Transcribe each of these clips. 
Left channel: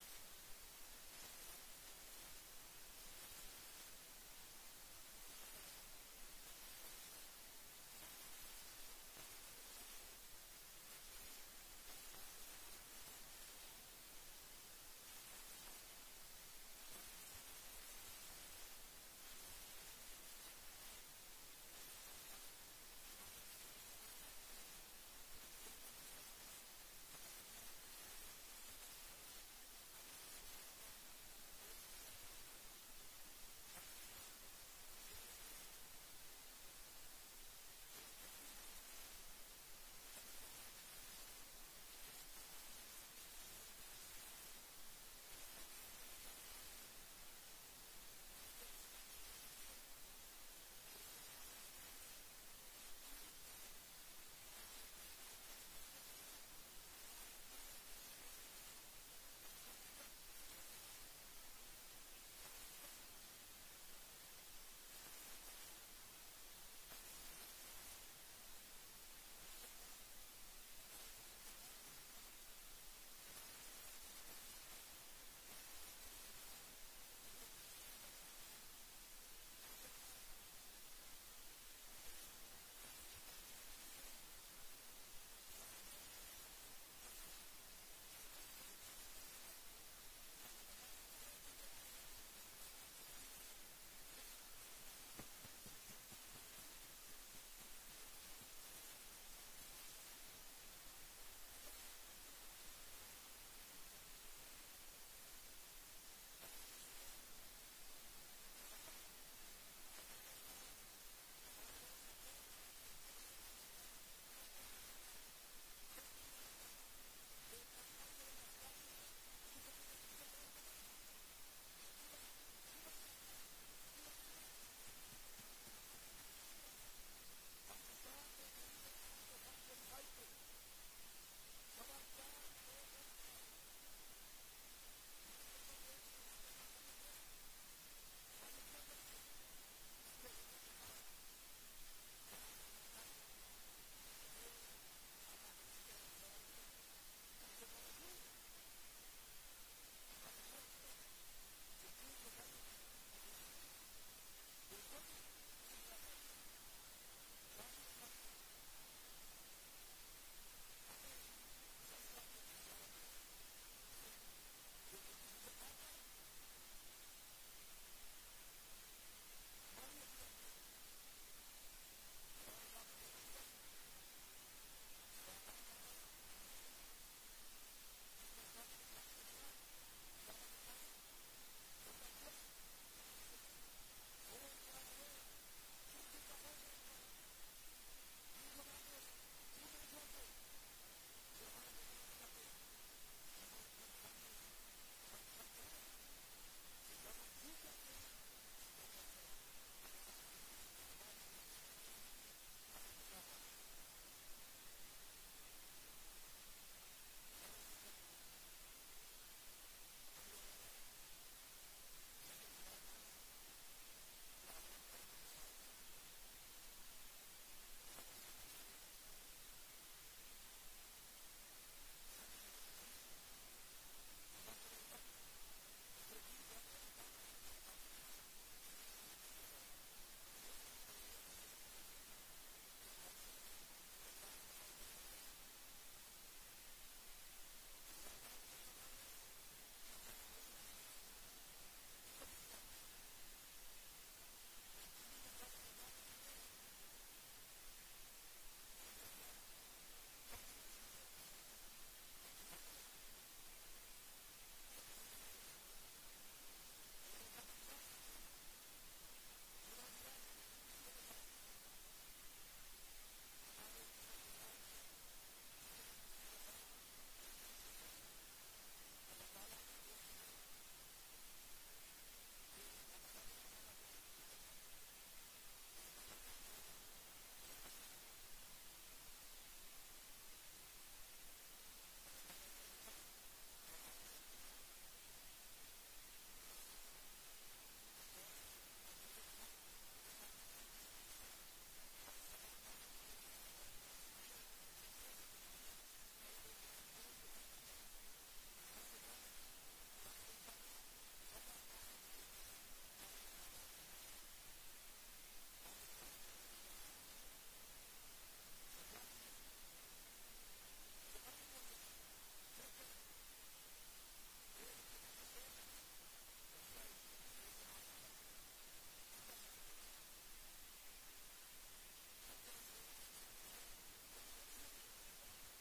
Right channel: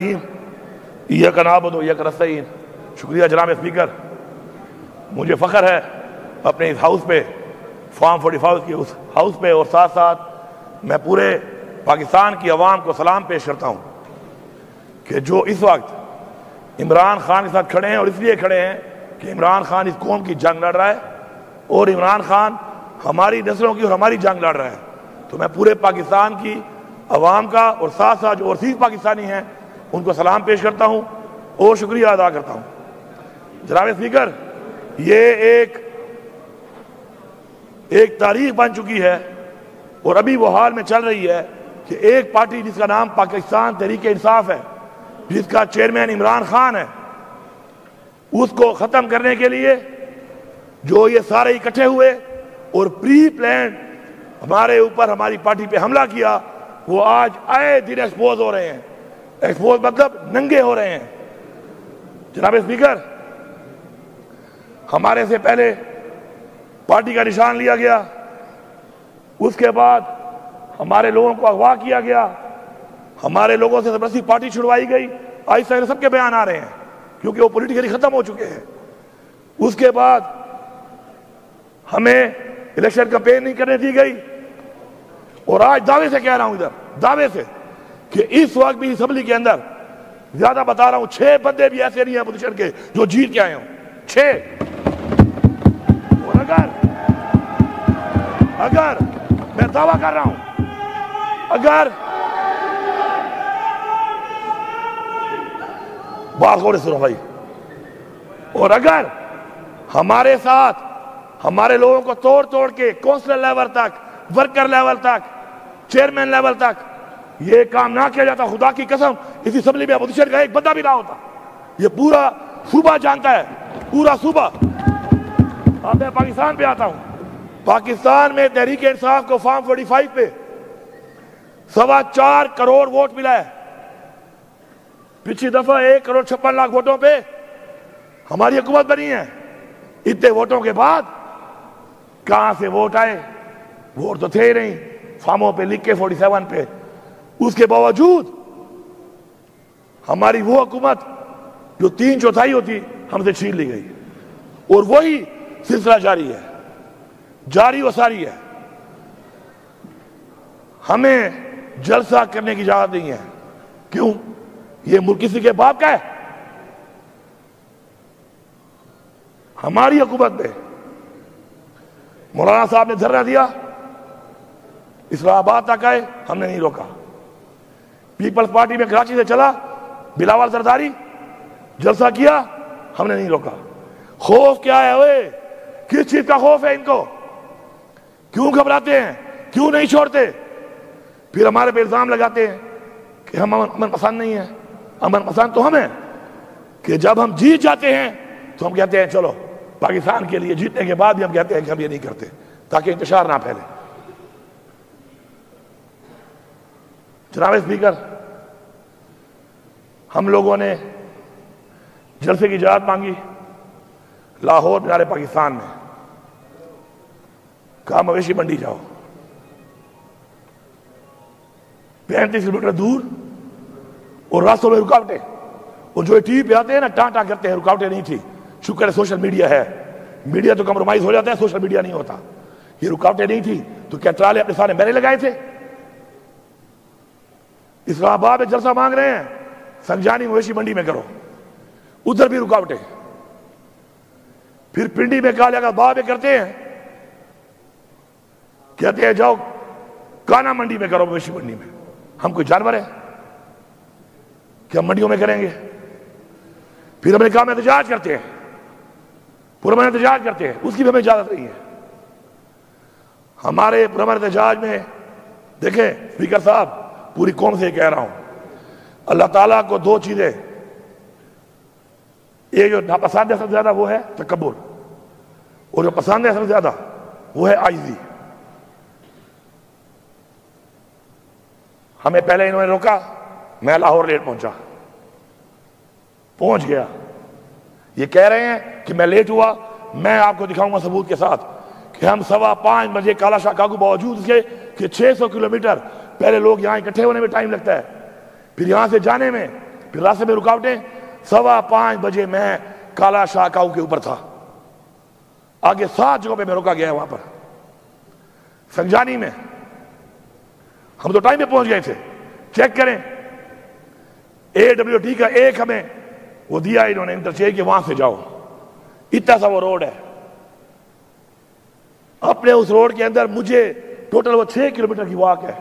ایاک نعبد و ایاک نستعین۔ شکریہ جناب اسپیکر، مجھے فخر ہے اپنے اس ہاؤس پہ، فارم 45 کی اس ہاؤس پہ، اور ساتھ ساتھ میں پورے پاکستان کی عوام کو سلام پیش کرتا ہوں کہ جو اس وقت عمران خان کے ساتھ کھڑے ہیں، اور اس لیے کھڑے ہیں کہ عمران خان اس قوم کی جنگ لڑ رہا ہے اور عمران خان ہماری نسلوں کی اور ہماری جنگ لڑ رہا ہے، تو میں پورے پاکستان کی عوام کا اور ساتھ ساتھ جو اوورسیز پاکستانی ہیں ان کو سلام پیش کرتا ہوں اور شکریہ ادا کرتا ہوں۔ جناب اسپیکر، یہ ایک تاریخ بن چکی ہے اور ابھی وہ حال میں چل رہی ہے کہ ایک پارٹی جس کا نام پاکستان تحریک انصاف ہے، جس کا چیئرمین عمران خان ہے، اس کو ختم کرنے کے لیے جو یہ سارے اکٹھے ہوئے اور پری پلانڈ ہمارے اوپر ہماری پارٹی پہ حملہ کیا، وہ آج آئے دن ایکسپوز ہو رہے ہیں۔ ایکسپوز مطلب ننگے ہو رہے ہیں۔ جناب اسپیکر، ہمارے سے پہلے پارٹی کا نشان لیا گیا، اس کے بعد ہمارے لوگوں کو اغوا کیا گیا، ہمارے لوگوں سے زبردستی پارٹی چھڑوائی گئی۔ آہستہ آہستہ سب کے بیان آ رہے ہیں کیونکہ وہ پولیٹیکلی ختم ہو چکے ہیں۔ اس کے بعد ہمیں الیکشن کمپین نہیں کرنے دی گئی، اور آج دعوے سے کہہ رہا ہوں، ادھر دعوے سے، کہ اس وقت بھی اسمبلی کے اندر زیادہ بتا رہا ہوں 6 بندے بھی ایسے نہیں ہیں اپوزیشن کے جو جیت کے آئے ہوں، 6۔ اور اگر میں دعویٰ کر رہا ہوں، اگر بات غور سے سنو بھائی، اور اگر ہمارے ساتھ ہمارے لوگوں کو توڑ کے کونسلر لیول تک، ورکر لیول تک، چیئرمین لیول تک یہ کام نہ کیا جاتا، خدا کی قسم اس اسمبلی میں اپوزیشن کا ایک بندہ بھی نہ ہوتا۔ یہ پورا صوبہ جانتا ہے، پورا صوبہ۔ اب میں پاکستان پہ آتا ہوں۔ پاکستان میں تحریک انصاف کو فارم 45 پہ 4.25 کروڑ ووٹ ملا ہے۔ پچھلی دفعہ 1.56 کروڑ ووٹوں پہ ہماری حکومت بنی ہے۔ اتنے ووٹوں کے بعد کہاں سے ووٹ آئے؟ ووٹ تو تھے ہی نہیں، فارموں پہ لکھ کے 47 پہ۔ اس کے باوجود ہماری وہ حکومت جو 3/4 ہوتی ہم سے چھین لی گئی، اور وہی سلسلہ جاری ہے، جاری و ساری ہے۔ ہمیں جلسہ کرنے کی اجازت نہیں ہے۔ کیوں؟ یہ ملک کسی کے باپ کا ہے؟ ہماری حکومت میں مولانا صاحب نے دھرنا دیا، اسلام آباد تک آئے، ہم نے نہیں روکا۔ پیپلز پارٹی میں کراچی سے چلا، بلاول زرداری جلسہ کیا، ہم نے نہیں روکا۔ خوف کیا ہے اوئے؟ کس چیز کا خوف ہے ان کو؟ کیوں گھبراتے ہیں؟ کیوں نہیں چھوڑتے؟ پھر ہمارے پہ الزام لگاتے ہیں کہ ہم امن پسند نہیں ہیں۔ امن پسند تو ہم ہیں کہ جب ہم جیت جاتے ہیں تو ہم کہتے ہیں چلو پاکستان کے لیے، جیتنے کے بعد بھی ہم کہتے ہیں کہ ہم یہ نہیں کرتے تاکہ انتشار نہ پھیلے۔ جناب اسپیکر، ہم لوگوں نے جلسے کی اجازت مانگی لاہور مینار پاکستان میں، کہا مویشی منڈی جاؤ، 35 کلومیٹر دور، اور راستوں میں رکاوٹیں، اور جو ٹی وی پہ آتے ہیں نا ٹانٹا کرتے ہیں، رکاوٹیں نہیں تھی۔ شکر ہے سوشل میڈیا ہے، میڈیا تو کمپرومائز ہو جاتا ہے، سوشل میڈیا نہیں ہوتا۔ یہ رکاوٹیں نہیں تھی تو کیا ٹرالے اپنے سامنے میرے لگائے تھے؟ اسلام آباد میں جلسہ مانگ رہے ہیں، سنجانی مویشی منڈی میں کرو، ادھر بھی رکاوٹیں۔ پھر پنڈی میں کہا لگا باب کرتے ہیں، کہتے ہیں جاؤ کانا منڈی میں کرو، مویشی منڈی میں۔ ہم کوئی جانور ہیں کہ ہم منڈیوں میں کریں گے؟ پھر ہم نے کہا ہم احتجاج کرتے ہیں، پرامن احتجاج کرتے ہیں، اس کی بھی ہمیں اجازت نہیں ہے۔ ہمارے پرامن احتجاج میں دیکھیں اسپیکر صاحب، پوری قوم سے کہہ رہا ہوں، اللہ تعالیٰ کو 2 چیزیں، ایک جو ناپسند ہے سب سے زیادہ وہ ہے تکبر، اور جو پسند ہے سب سے زیادہ وہ ہے عاجزی۔ ہمیں پہلے انہوں نے روکا، میں لاہور لیٹ پہنچ گیا۔ یہ کہہ رہے ہیں کہ میں لیٹ ہوا، میں آپ کو دکھاؤں گا ثبوت کے ساتھ کہ ہم 5:15 بجے کالا شاہ کاگو، باوجود اس کے کہ 600 کلومیٹر پہلے لوگ یہاں اکٹھے ہونے میں ٹائم لگتا ہے، پھر یہاں سے جانے میں پھر راستے میں رکاوٹیں. 5:15 بجے میں کالا شاہ کاؤ کے اوپر تھا. آگے 7 جگہوں پہ میں رکا گیا وہاں پر سنجانی میں. ہم تو ٹائم پہ پہنچ گئے تھے. چیک کریں AWT کا ایک ہمیں وہ دیا انہوں نے انٹرچینج کہ وہاں سے جاؤ. اتنا سا وہ روڈ ہے. اپنے اس روڈ کے اندر مجھے ٹوٹل وہ 6 کلومیٹر کی واک ہے.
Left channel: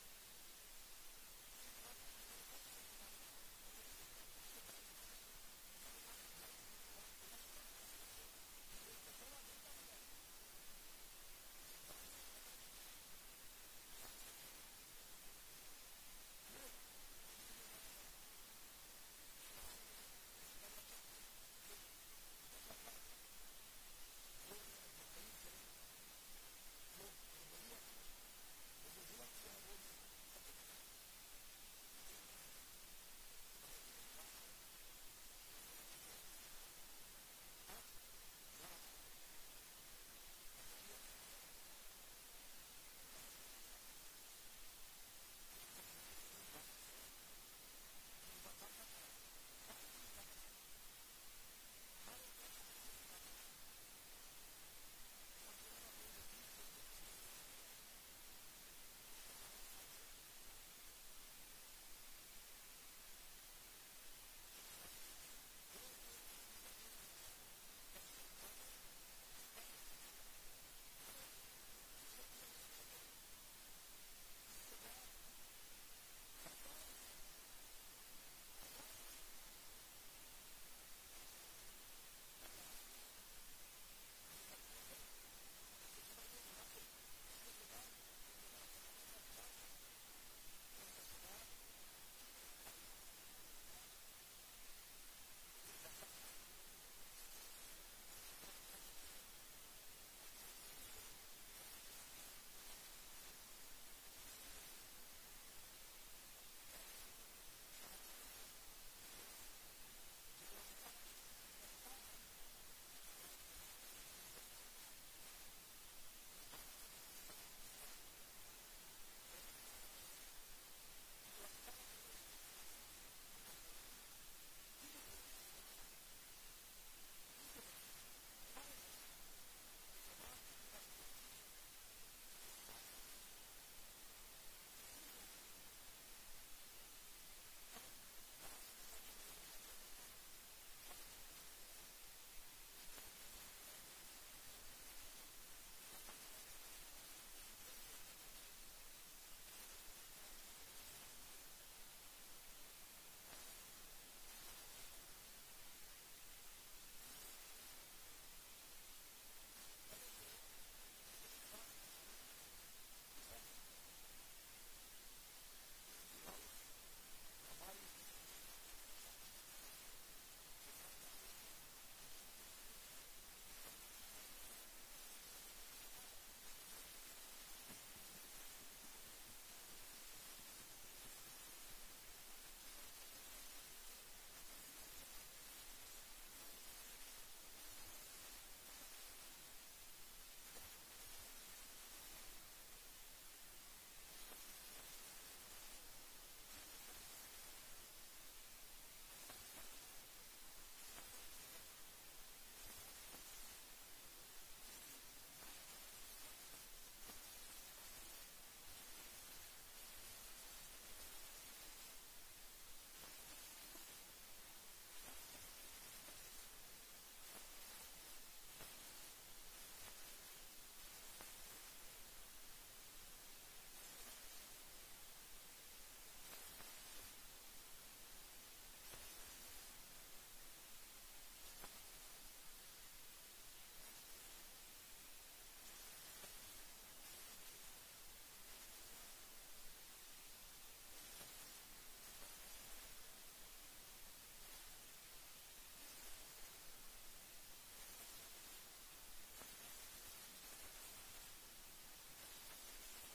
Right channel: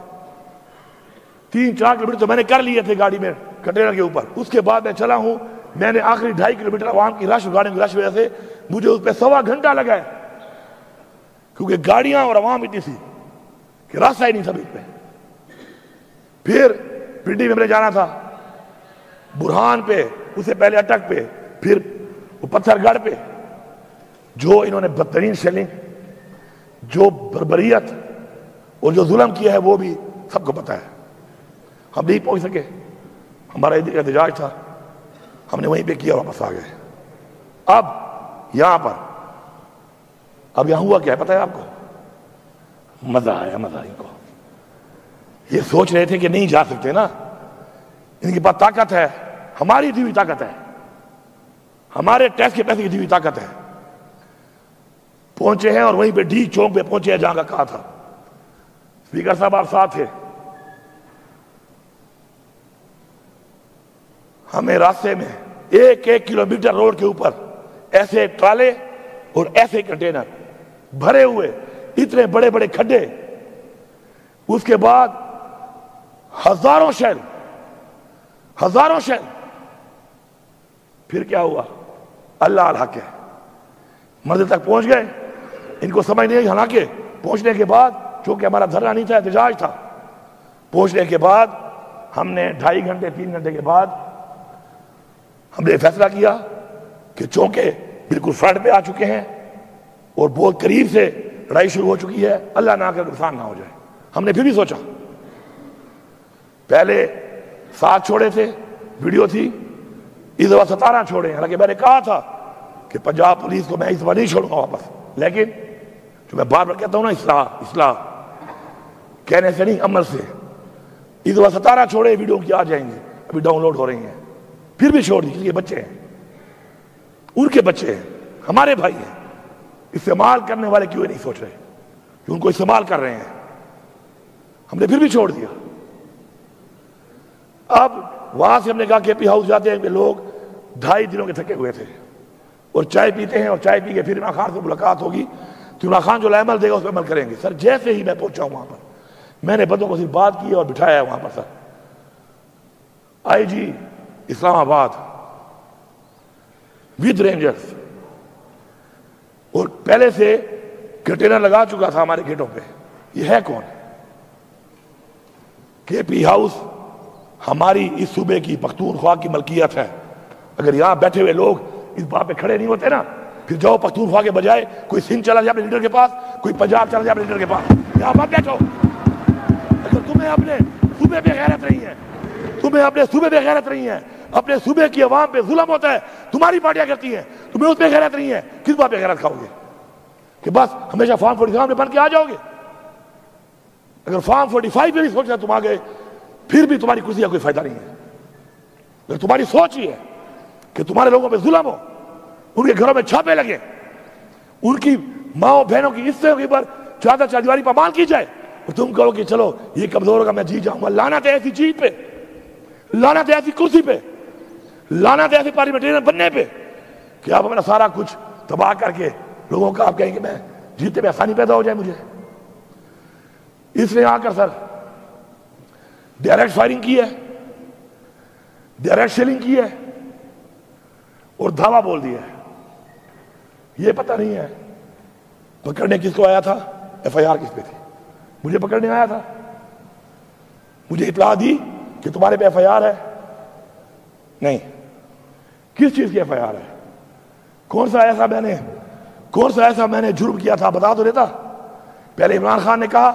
3-4 کلومیٹر تو میں نے کر لیے تھے گاڑی میں کنٹینر کے اوپر. اس کے بعد میں چلا ہوں. میں نے آخری 2.5 کلومیٹر عوام کی رش گاڑیوں کی رش وجہ سے مجھے اس پہ 1.25 گھنٹہ لگا ہے, کیونکہ گاڑیاں اور عوام اتنی تھی کہ راستہ ہی نہیں تھا بیچ پہ. پھر پنڈی میں جانا تھا, برہان پہ, اس سے پہلے اٹک پہ, پھر پتھر گڑھ پہ. جو انہوں نے بدترین شیلنگ, جو بربریت اور جو ظلم کیا ہے وہ بھی سب کو پتا ہے. ہم نہیں پہنچ سکے. ہمارا احتجاج تھا, ہم نے وہیں پہ کیا, واپس آ گئے. اب یہاں پر اب یہاں ہوا کیا ہے پتا ہے آپ کو؟ مزہ آیا, مزہ ان کو. یہ سوچ رہے تھے کہ نہیں جا سکتے نا, ان کے پاس طاقت ہے, ہماری دی ہوئی طاقت ہے, ہمارے ٹیکس کے پیسے کی دی ہوئی طاقت ہے. پہنچے ہیں اور وہیں پہ ڈی چوک پہ پہنچے ہیں جہاں کا کہا تھا. اسپیکر صاحب آپ ساتھ تھے. ہمیں راستے میں 1 کلومیٹر روڈ کے اوپر ایسے ٹرالے اور ایسے کنٹینر بھرے ہوئے, اتنے بڑے بڑے کھڈے. اس کے بعد ہزاروں شیل. پھر کیا ہوا؟ اللہ الحق ہے. منزل تک پہنچ گئے. ان کو سمجھ نہیں آئی. حالانکہ پہنچنے کے بعد, چونکہ ہمارا دھرنا نہیں تھا, احتجاج تھا, پہنچنے کے بعد ہم نے 2.5 گھنٹے 3 گھنٹے کے بعد ہم نے فیصلہ کیا کہ چونکہ بالکل فرنٹ پہ آ چکے ہیں اور بہت قریب سے لڑائی شروع ہو چکی ہے, اللہ نہ کرے نقصان نہ ہو جائے. ہم نے پھر بھی سوچا, پہلے 7 چھوڑے تھے, ویڈیو تھی, اس دفعہ 17 چھوڑے ہیں. حالانکہ میں نے کہا تھا کہ پنجاب پولیس کو میں اس دفعہ نہیں چھوڑوں گا واپس, لیکن جو میں بار بار کہتا ہوں نا, اصلاح کہنے سے نہیں, عمل سے. اس دفعہ 17 چھوڑے, ویڈیو کی آ جائیں گے, ابھی ڈاؤن لوڈ ہو رہی ہیں. پھر بھی چھوڑ دی, یہ بچے ہیں, ان کے بچے ہیں, ہمارے بھائی ہیں. استعمال کرنے والے کیوں نہیں سوچ رہے کہ ان کو استعمال کر رہے ہیں؟ ہم نے پھر بھی چھوڑ دیا. اب وہاں سے ہم نے کہا کہ پی ہاؤس جاتے ہیں کہ لوگ 2.5 دنوں کے تھکے ہوئے تھے اور چائے پیتے ہیں, اور چائے پی کے پھر عمران خان سے ملاقات ہوگی تو عمران خان جو عمل دے گا اس پہ عمل کریں گے. سر جیسے ہی میں پہنچا ہوں وہاں پر, میں نے بندوں کو صرف بات کی اور بٹھایا ہے وہاں پر. سر IG اسلام آباد ود رینجرز, اور پہلے سے کنٹینر لگا چکا تھا ہمارے گیٹوں پہ. یہ ہے کون؟ KP ہاؤس ہماری اس صوبے کی پختونخوا کی ملکیت ہے. اگر یہاں بیٹھے ہوئے لوگ اس بات پہ کھڑے نہیں ہوتے نا, پھر جاؤ پختونخوا کے بجائے کوئی سندھ چلا جائے اپنے لیڈر کے پاس, کوئی پنجاب چلا جائے اپنے لیڈر کے پاس. یہاں مت بیٹھو. اگر تمہیں اپنے صوبے پہ غیرت نہیں ہے, تمہیں اپنے صوبے پہ غیرت نہیں ہے, اپنے صوبے کی عوام پہ ظلم ہوتا ہے, تمہاری پارٹیاں کرتی ہیں, تمہیں اس پہ غیرت نہیں ہے, کس بات پہ غیرت کھاؤ گے؟ کہ بس ہمیشہ فارم 45 میں بن کے آ جاؤ گے؟ اگر فارم 45 پہ بھی سوچنا تم آ گئے, پھر بھی تمہاری کرسی کا کوئی فائدہ نہیں ہے. اگر تمہاری سوچ ہی ہے کہ تمہارے لوگوں پہ ظلم ہو, ان کے گھروں میں چھاپے لگے, ان کی ماں بہنوں کی حصے کے اوپر چادر چاردیواری پامال کی جائے, اور تم کہو کہ چلو یہ کمزور ہوگا میں جیت جاؤں گا. لعنت ہے ایسی چیز پہ, لعنت ہے ایسی کرسی پہ, لعنت ہے ایسی پارلیمنٹرین بننے پہ کہ آپ اپنا سارا کچھ تباہ کر کے لوگوں کا آپ کہیں کہ میں جیتنے میں آسانی پیدا ہو جائے مجھے. اس نے آ کر سر ڈائریکٹ فائرنگ کی ہے, ڈائریکٹ شیلنگ کی ہے, اور دھاوا بول دیا ہے. یہ پتہ نہیں ہے پکڑنے کس کو آیا تھا, FIR کس پہ تھی. مجھے پکڑنے آیا تھا, مجھے اطلاع دی کہ تمہارے پہ FIR ہے. نہیں, کس چیز کی FIR ہے؟ کون سا ایسا میں نے جرم کیا تھا بتا تو دیتا. پہلے عمران خان نے کہا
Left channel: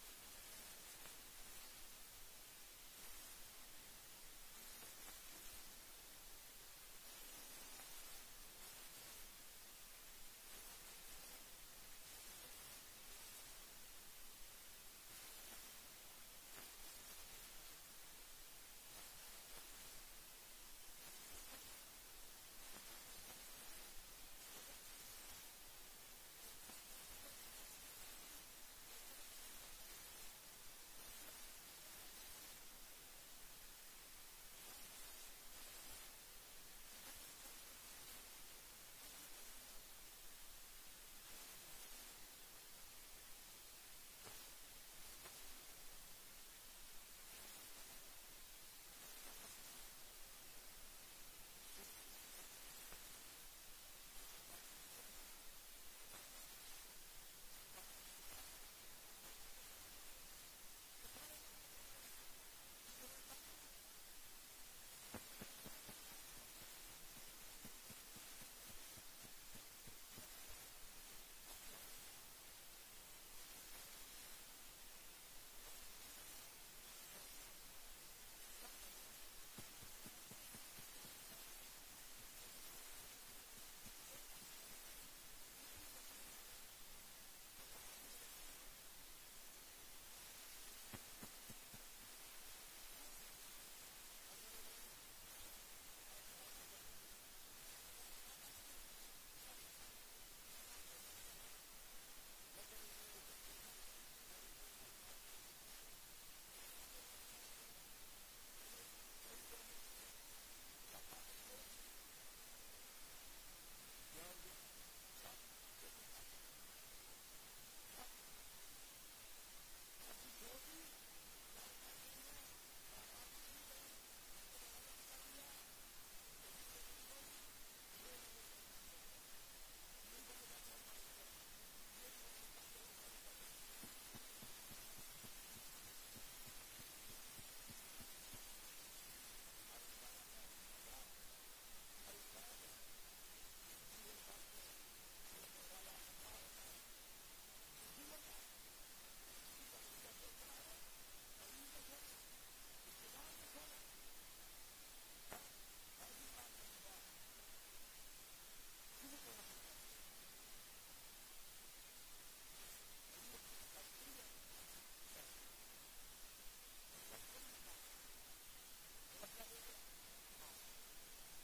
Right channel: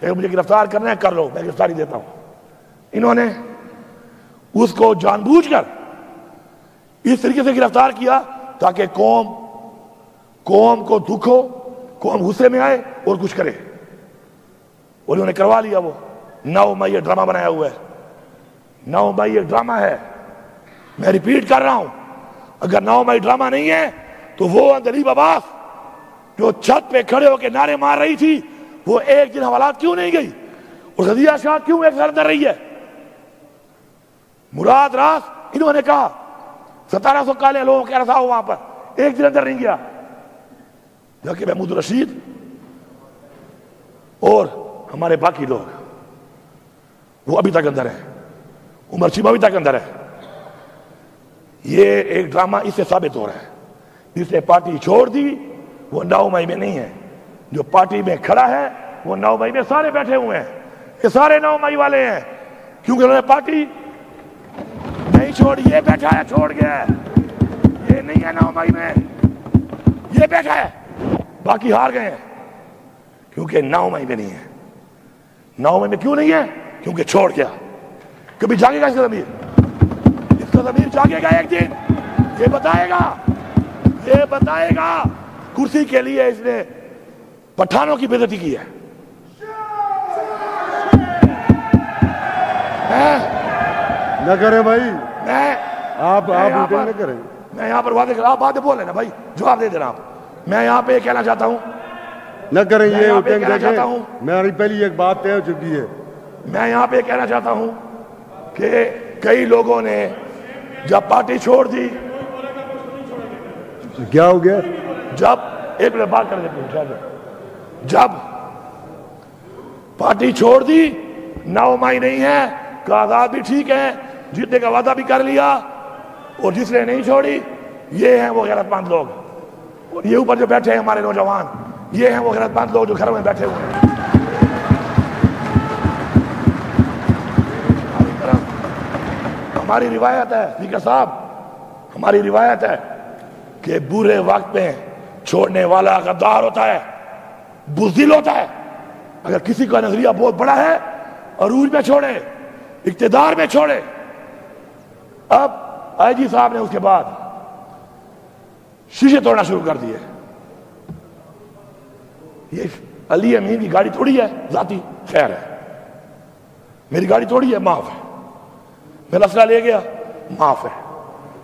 کہ مجھے گرفتار کرنا ہے کر لو, میں گرفتاری دیتا ہوں. انہوں نے اس کو جان بوجھ کر اس طریقے سے گرفتار کیا تاکہ قوم کو دکھ ہو, قوم غصے میں آئے اور کچھ کرے, اور انہوں نے کروا لیا. وہ 9 مئی یہ ڈرامہ بنایا ہوا ہے. 9 مئی یہ ڈرامہ ہے میں ریپیٹ کر رہا ہوں، اگر 9 مئی ڈرامہ نہیں ہے تو وہ اندلیب عباس جو چھت پہ کھڑے ہو کے نعرے مار رہی تھی وہ ایک دن حوالات کیوں نہیں گئی؟ اور غزیہ شاہ کیوں ایک گھر اندر رہی ہے؟ مراد راس انہوں نے کہا 1700 کالے لوگوں کے رسا ہو وہاں پر، ایک دن اندر نہیں گیا، جبکہ محمود رشید اور ہمارے باقی لوگ وہ ابھی تک اندر ہیں، عمر چیمہ ابھی تک اندر ہے۔ یہ ایک ڈرامہ اس سے ثابت ہو رہا ہے، جس نے پارٹی چھوڑ دی وہ 9 مئی میں نہیں ہے، جو پارٹی میں کھڑا ہے وہ 9 مئی میں سارے بیٹھے ہوئے ہیں، یہ سارے 9 مئی والے ہیں، کیونکہ انہوں نے پارٹی نہیں چھوڑی، یہ بیٹھا ہے چھوڑ گیا ہے، یہ نہیں ہے 9 مئی میں، یہ بیٹھا ہے، باقی ہار گئے ہیں کیونکہ 9 مئی میں نہیں ہے۔ 9 مئی میں کیوں نہیں ہے؟ کیونکہ چھوڑ گیا۔ کبھی جاگے گا اس کا ضمیر؟ اس کا ضمیر جاگے گا ایک دن، یہ بتائے گا کرسی کے لیے اس نے پٹھانوں کی بے عزتی کی ہے۔ نہ کریں بھائی، آپ نہ کریں، میں یہاں پر واضح کر، آپ باتیں بول رہے نا بھائی، جواب دے دینا آپ۔ میں یہاں پہ کہنا چاہتا ہوں، نہ کریں، یہ چاہتا ہوں، میری پہلی ایک بات طے ہو چکی ہے۔ میں یہاں پہ کہنا چاہتا ہوں کہ کئی لوگوں نے جب پارٹی چھوڑ دی، کیا ہو گیا؟ جب ایک منٹ بات کر دیتے ہیں، جب پارٹی چھوڑ دی 9 مئی نہیں ہے، آزاد بھی ٹھیک ہے، جیتنے کا وعدہ بھی کر لیا، اور جس نے نہیں چھوڑی یہ ہیں وہ غیرت مند لوگ، اور یہ اوپر جو بیٹھے ہیں ہمارے نوجوان، یہ ہیں وہ غیرت مند لوگ جو گھروں میں بیٹھے ہوئے ہیں۔ ہماری روایت ہے اسپیکر صاحب، ہماری روایت ہے کہ برے وقت میں چھوڑنے والا غدار ہوتا ہے، بزدل ہوتا ہے۔ اگر کسی کا نظریہ بہت بڑا ہے، عروج میں چھوڑے، اقتدار میں چھوڑے۔ اب آئی جی صاحب نے اس کے بعد شیشے توڑنا شروع کر دیے۔ یہ علی امین کی گاڑی توڑی ہے ذاتی، خیر ہے، میری گاڑی توڑی ہے، معاف ہے، میرا اسلحہ لے گیا، معاف ہے،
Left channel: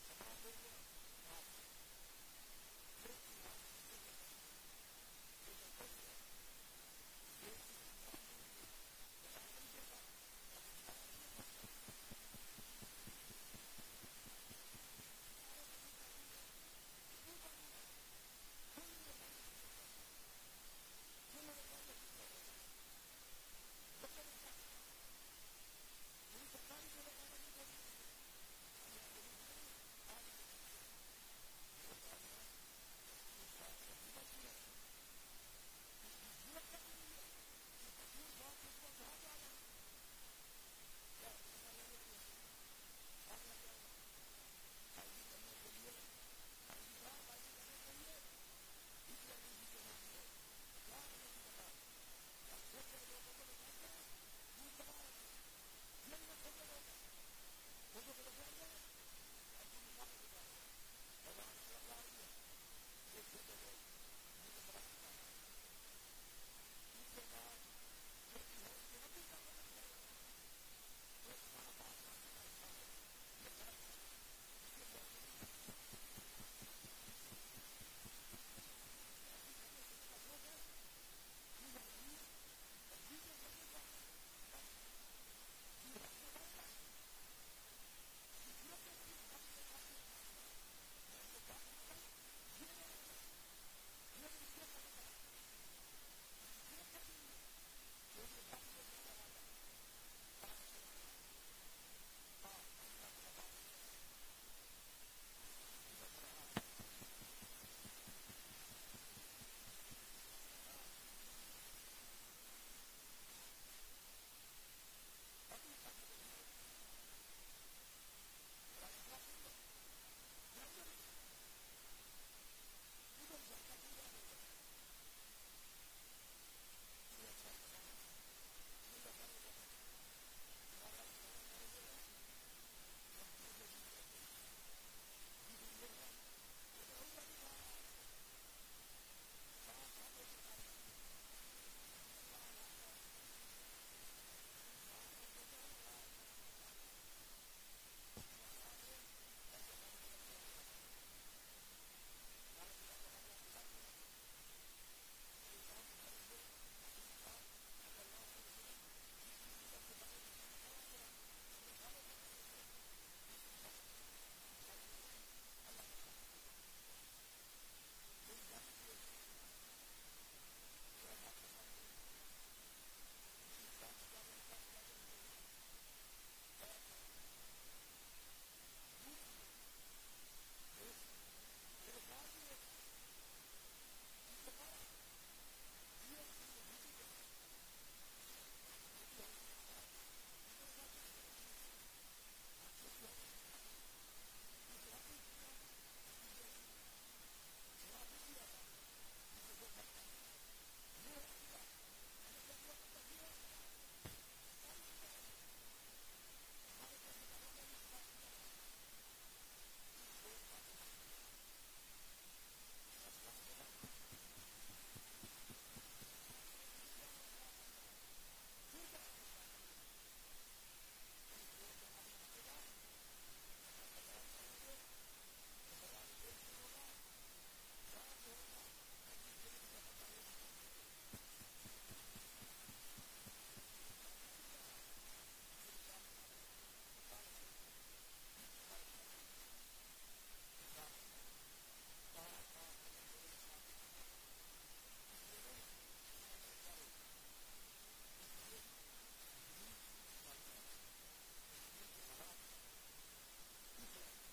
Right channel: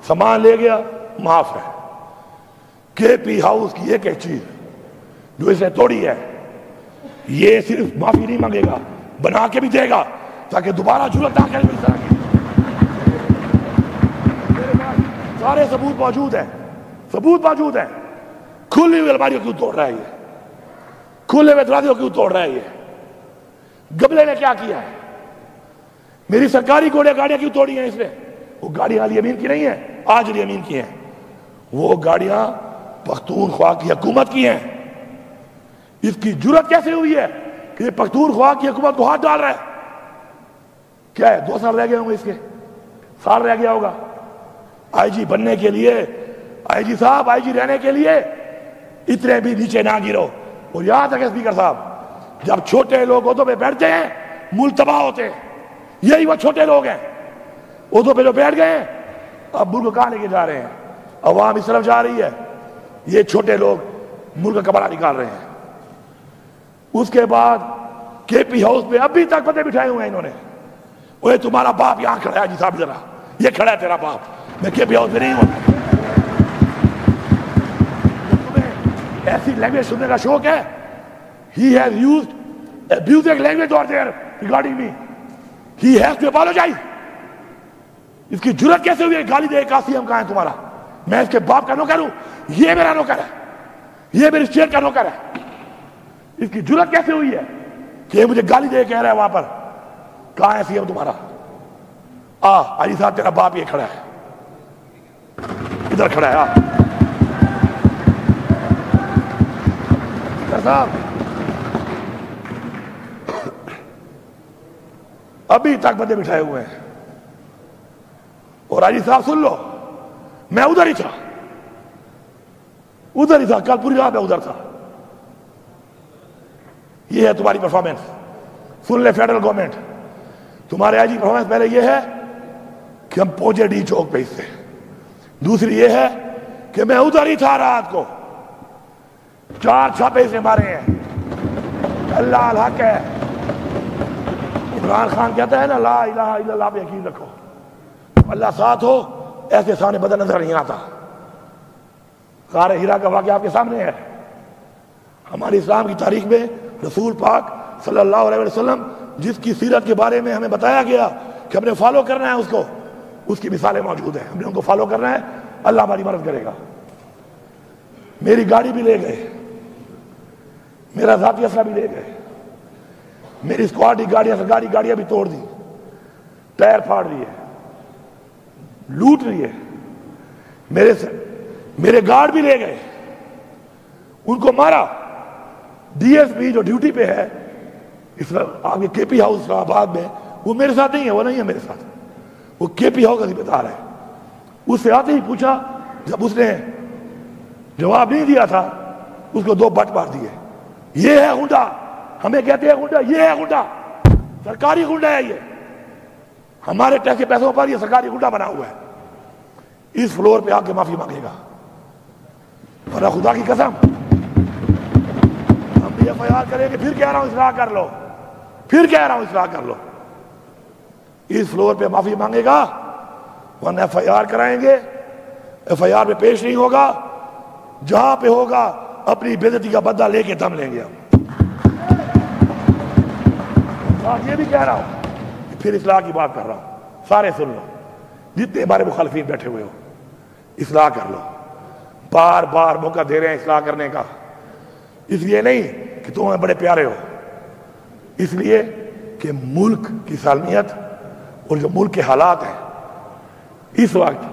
سامان لے گیا، معاف ہے۔ کے پی ہاؤس کی ایک چیز جو اس نے توڑی ہے، یہ صرف معافی نہیں مانگے گا، بنا کے بھی دے گا تاکہ دوبارہ جرأت نہ کرے اس طرح کی۔ میرے پاس سارے ثبوت موجود ہیں، کھلی ہوئی الماریوں کیوں توڑ رہا ہے یہ، کھلے ہوئے دروازے کیوں توڑ رہا ہے یہ، گبلے نے کیا کیا ہے، میری سرکاری گاڑیاں کیوں توڑی ہیں اس نے؟ وہ گاڑیاں علی امین کی نہیں ہیں، آج علی امین کی ہیں، وہ گاڑیاں پختونخوا کی حکومت کی ہیں۔ اس کی جرأت کیسے ہوئی ہے کہ یہ پختونخوا کی حکومت کو ہاتھ ڈال رہا ہے؟ کیا ہے، 2 سال رہ گئے ہوں گے، اس کے سال رہ گیا ہوگا۔ آئی جی بننے کے لیے، آئی جی صاحب آئی جی رہنے کے لیے اتنے بھی نیچے نہ گرو۔ اور یاد رکھیں اسپیکر صاحب، جب چھوٹے لوگ عہدوں پہ بیٹھتے ہیں ملک تباہ ہوتے ہیں، یہی وہ چھوٹے لوگ ہیں عہدوں پہ جو بیٹھ گئے ہیں، اب ملک کہاں لے کے جا رہے ہیں؟ عوام اس طرف جا رہی ہے، یہ چھوٹے لوگ ملک کا کپڑا نکال رہے ہیں۔ اس کے بعد کے پی ہاؤس پہ ابھی تک بندے بٹھائے ہوئے ہیں انہوں نے، وہ تمہارا باپ یہاں کھڑا ہے جی صاحب، ذرا یہ کھڑا ہے تیرا باپ، میں کے پی ہاؤس میں نہیں ہوں۔ تمہیں ایسی لینگویج سننے کا شوق ہے؟ He has used abusive language over there regarding me. He has to apologize. اس کی جرأت کیسے ہوئی ہے گالی دے؟ قاسم کہاں ہے تمہارا؟ میں اس کے باپ کا نوکر ہوں، یہ میرا نوکر ہے، یہ میری اسٹیٹ کا نوکر ہے۔ اس کی جرأت کیسے ہوئی ہے کہ یہ مجھے گالی دے کہہ رہا ہے وہاں پر؟ کہاں ہے سی ایم تمہارا؟ علی صاحب تیرا باپ یہ کھڑا ہے، ادھر کھڑا ہے۔ صاحب ابھی تک بندے بٹھائے ہوئے ہیں، اور علی صاحب سن لو، میں ادھر ہی تھا، کل پوری رات میں ادھر تھا۔ یہ ہے تمہاری پرفارمنس، سن لے فیڈرل گورنمنٹ، تمہارے آئی جی پرفارمنس پہلے یہ ہے کہ ہم پہنچے ڈی چوک پہ اس سے، دوسری یہ ہے کہ میں ادھر ہی تھا رات کو، 4 چھاپے سے مارے ہیں۔ اللہ الحق ہے، عمران خان کہتا ہے نا لا الہ الا اللہ پہ یقین رکھو، اللہ ساتھ ہو ایسے سامنے بدن نظر نہیں آتا. غار ہیرا کا واقعہ آپ کے سامنے ہے. ہماری اسلام کی تاریخ میں رسول پاک صلی اللہ علیہ وسلم جس کی سیرت کے بارے میں ہمیں بتایا گیا کہ ہم نے فالو کرنا ہے اس کو، اس کی مثالیں موجود ہیں. ہم نے ان کو فالو کرنا ہے، اللہ ہماری مدد کرے گا. میری گاڑی بھی لے گئے، میرا ذاتی اسلحہ بھی لے گئے، میری اسکواڈی گاڑیاں سرکاری گاڑیاں بھی توڑ دی، ٹائر پھاڑ دیے، لوٹ لیے. میرے گارڈ بھی لے گئے، ان کو مارا. ڈی ایس پی جو ڈیوٹی پہ ہے اس آگے کے پی ہاؤس اسلام آباد میں، وہ میرے ساتھ نہیں ہے، وہ نہیں ہے میرے ساتھ، وہ کے پی ہاؤس کا ذمہ ہے. اس سے آتے ہی پوچھا، جب اس نے جواب نہیں دیا تھا اس کو 2 بٹ مار دیے. یہ ہے غنڈا، ہمیں کہتے ہیں غنڈا، یہ ہے غنڈا، سرکاری غنڈا ہے. یہ ہمارے ٹیکس کے پیسوں پر یہ سرکاری غنڈا بنا ہوا ہے. اس فلور پہ آ کے معافی مانگے گا، ورنہ خدا کی قسم ہم بھی ایف آئی آر کریں گے. پھر کہہ رہا ہوں اصلاح کر لو، پھر کہہ رہا ہوں اصلاح کر لو. اس فلور پہ معافی مانگے گا، ورنہ ایف آئی آر کرائیں گے. ایف آئی آر پہ پیش نہیں ہوگا، جہاں پہ ہوگا اپنی بے عزتی کا بدلہ لے کے دم لیں گے ہم. اور یہ بھی کہہ رہا ہوں، پھر اصلاح کی بات کر رہا ہوں، سارے سن لو، جتنے ہمارے مخالفین بیٹھے ہوئے ہو، اصلاح کر لو. بار بار موقع دے رہے ہیں اصلاح کرنے کا، اس لیے نہیں کہ تم ہمیں بڑے پیارے ہو، اس لیے کہ ملک کی سالمیت اور جو ملک کے حالات ہیں اس وقت،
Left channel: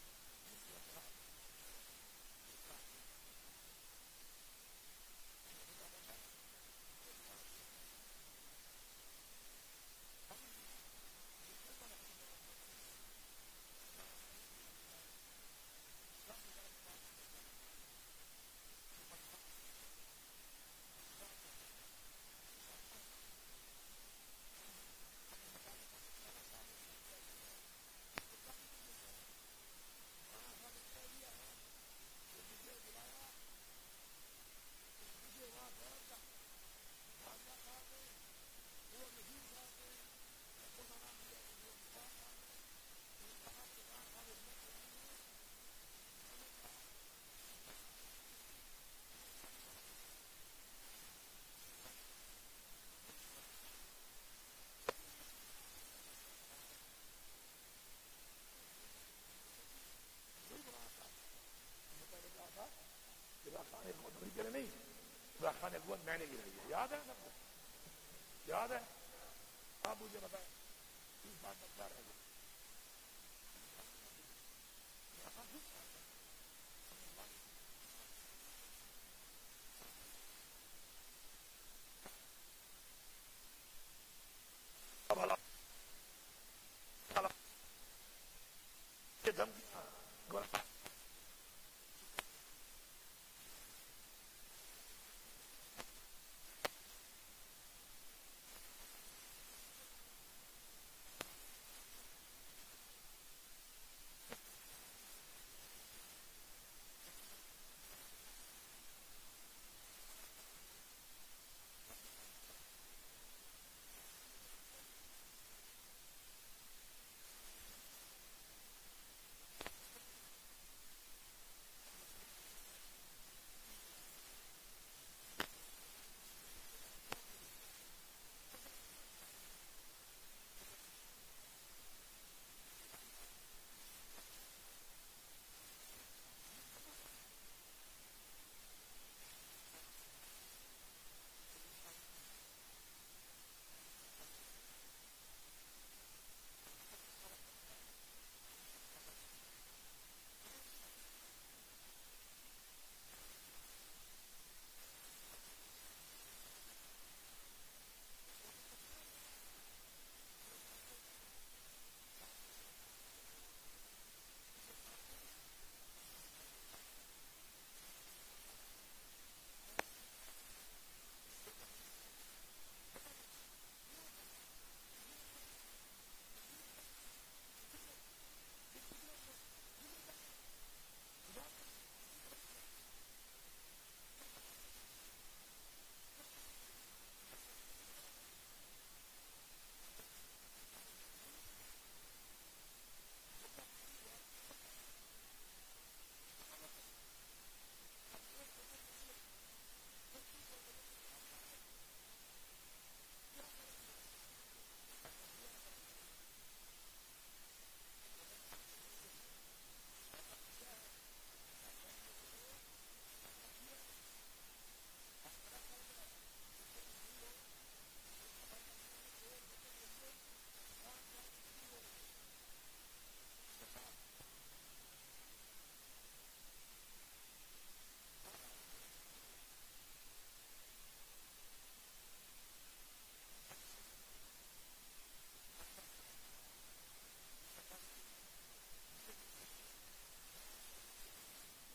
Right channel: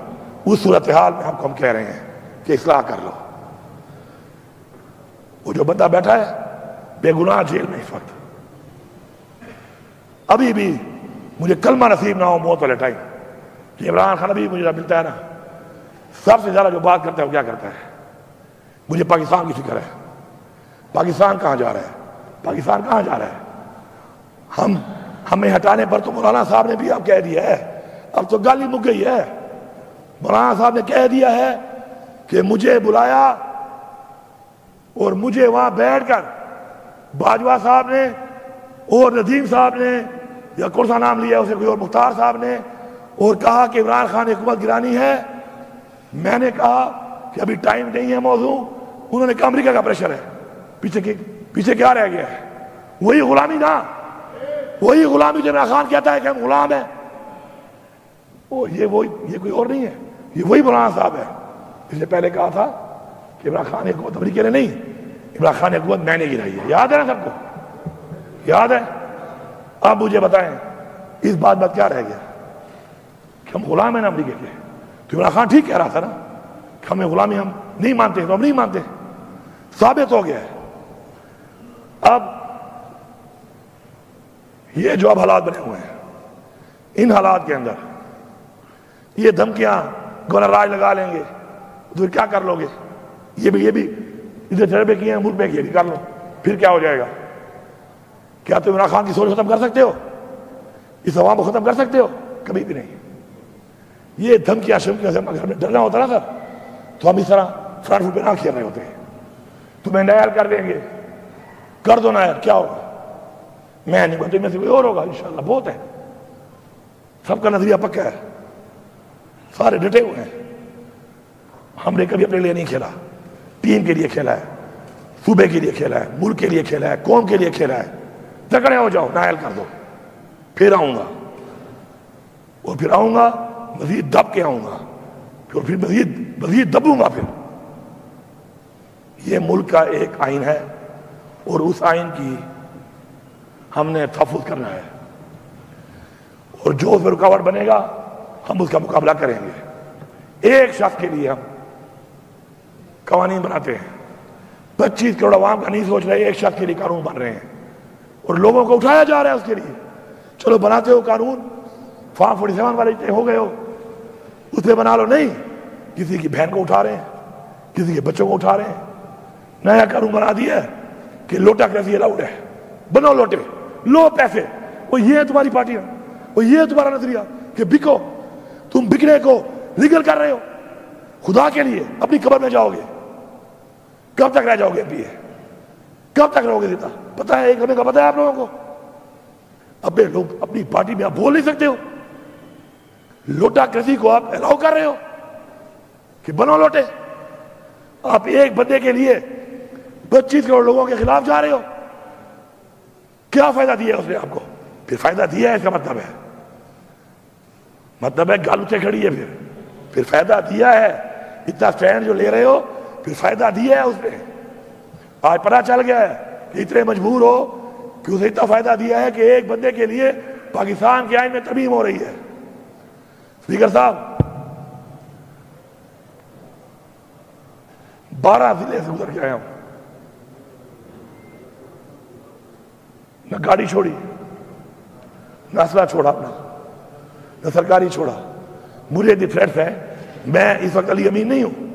اس صورتحال میں ہم کہہ رہے ہیں کہ اصلاح کر لو. وہ جو بندہ بیٹھا ہے بے گناہ جیل میں اس وقت، ابھی بھی مجھے کلمہ نصیب نہ ہو موت والے ٹائم کہ عمران خان ابھی مجھے ملتا ہے نا، سب سے زیادہ جو بات کرتا ہے وہ کیا کرتا ہے؟ مجھے پاکستان کی فکر ہے. پاکستان کہاں جا رہا ہے؟ پاکستان کہاں جا رہا ہے؟ ہمیں ہٹانے پر تو مولانا صاحب نے بھی اب کہہ دیا ہے، اب تو گالی مک گئی ہے. مولانا صاحب نے کہہ دیا ہے کہ مجھے بلایا اور مجھے وہاں بیٹھ کر باجوہ صاحب نے اور ندیم صاحب نے یا کون سا نام لیا اسے کوئی اور مختار صاحب نے، اور کہا کہ عمران خان حکومت گرانی ہے. میں نے کہا کہ ابھی ٹائم نہیں ہے موضوع. انہوں نے کہا امریکہ کا پریشر ہے. پیچھے کیا رہ گیا ہے؟ وہی غلامی نا، وہی غلامی جو عمران خان کہتا ہے کہ ہم غلام ہیں. یہ کوئی اور نہیں ہے، یہ وہی مولانا صاحب ہے. اس نے پہلے کہا تھا کہ عمران خان حکومت امریکہ نے نہیں، عمران خان حکومت میں نے گرائی ہے. یاد ہے نا سب کو؟ یاد ہے؟ اب مجھے بتائیں اس بات کیا رہ گیا کہ ہم غلام ہیں نا امریکہ کے؟ تو عمران خان ٹھیک کہہ رہا تھا نا کہ ہمیں غلامی ہم نہیں مانتے، تو ہم نہیں مانتے. ثابت ہو گیا ہے. اب یہ جو اب حالات بنے ہوئے ہیں، ان حالات کے اندر یہ دھمکیاں گورنر راج لگا لیں گے تو کیا کر لو گے؟ یہ بھی ادھر تجربے کیے ہیں، ملک میں کیے، کر لو، پھر کیا ہو جائے گا؟ کیا تم عمران خان کی سوچ ختم کر سکتے ہو؟ اس عوام کو ختم کر سکتے ہو؟ کبھی بھی نہیں. یہ دھمکیاں شمکیاں سے اگر ہمیں ڈرنا ہوتا نا سر، تو ہم اس طرح فرنٹ فٹ پہ نہ کھیل رہے ہوتے ہیں. تمہیں نائر کر دیں گے، کر دو نائر، کیا ہوگا؟ میں نہیں بولتے، میں سے کوئی اور ہوگا انشاءاللہ. بہت ہے، سب کا نظریہ پکا ہے، سارے ڈٹے ہوئے ہیں. ہم نے کبھی اپنے لیے نہیں کھیلا، ٹیم کے لیے کھیلا ہے، صوبے کے لیے کھیلا ہے، ملک کے لیے کھیلا ہے، قوم کے لیے کھیلا ہے. تکڑے ہو جاؤ، نائل کر دو، پھر آؤں گا، اور پھر آؤں گا مزید دب کے آؤں گا، پھر مزید دبوں گا. پھر یہ ملک کا ایک آئین ہے اور اس آئین کی ہم نے تحفظ کرنا ہے، اور جو اس میں رکاوٹ بنے گا ہم اس کا مقابلہ کریں گے. ایک شخص کے لیے ہم قوانین بناتے ہیں، 25 کروڑ عوام کا نہیں سوچ رہے، ایک شخص کے لیے قانون بن رہے ہیں اور لوگوں کو اٹھایا جا رہا ہے اس کے لیے. چلو بناتے ہو قانون، فارم 47 والے ہو گئے ہو، اس پہ بنا لو. نہیں، کسی کی بہن کو اٹھا رہے ہیں، کسی کے بچوں کو اٹھا رہے ہیں. نیا قانون بنا دیا ہے کہ لوٹا کیسی الاؤڈ ہے، بنو لوٹے، لو پیسے. وہ یہ ہے تمہاری پارٹیاں، وہ یہ ہے تمہارا نظریہ کہ بکو. تم بکنے کو لیگل کر رہے ہو. خدا کے لیے اپنی قبر میں جاؤ گے، کب تک رہ جاؤ گے؟ بھی کب تک رہو گے دیتا؟ پتا ہے ایک لمحے کا پتا ہے آپ لوگوں کو؟ اپنے لوگ اپنی پارٹی میں آپ بول نہیں سکتے ہو. لوٹا کسی کو آپ الاؤ کر رہے ہو. کہ بنو لوٹے. آپ ایک بندے کے لیے 25 کروڑ لوگوں کے خلاف جا رہے ہو. کیا فائدہ دیا ہے اس نے آپ کو؟ پھر فائدہ دیا ہے اس کا مطلب ہے گال اٹھے کھڑی ہے. پھر فائدہ دیا ہے. اتنا سٹینڈ جو لے رہے ہو پھر فائدہ دیا ہے اس نے. آج پتہ چل گیا ہے کہ اتنے مجبور ہو کہ اسے اتنا فائدہ دیا ہے کہ ایک بندے کے لیے پاکستان کے آئین میں ترمیم ہو رہی ہے. اسپیکر صاحب 12 ضلع سے گزر کے آیا ہوں. نہ گاڑی چھوڑی، نہ اسلحہ چھوڑا اپنا، نہ سرکاری چھوڑا. مجھے دی تھریٹس ہے. میں اس وقت علی امین نہیں ہوں.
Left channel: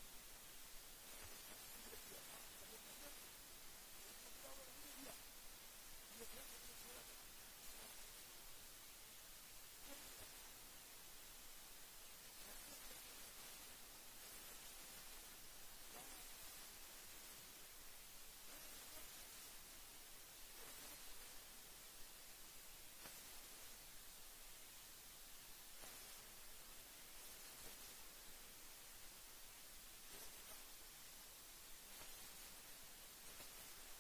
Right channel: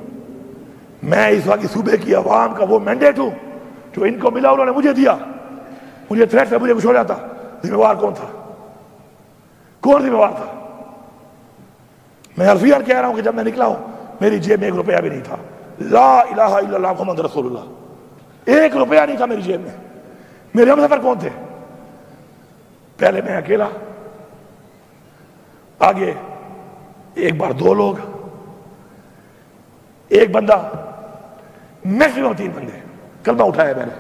میں اس وقت صوبے کی عوام کا وہ مینڈیٹ ہوں جو ان کو ملا انہوں نے مجھے دیا. مجھے تھریٹس ہے، مجھے کچھ ہو جاتا. ذمہ وار کون تھا؟ کون ذمہ وار تھا؟ میں حرفیاً کہہ رہا ہوں کہ جب میں نکلا ہوں میری جیب میں 1 روپیہ بھی نہیں تھا. لا الہ الا اللہ محمد رسول اللہ. 1 روپیہ نہیں تھا میری جیب میں. میرے ہم سفر کون تھے؟ پہلے میں اکیلا، آگے ایک بار 2 لوگ، ایک بندہ، میکسیمم 3 بندے. کلمہ اٹھایا میں نے.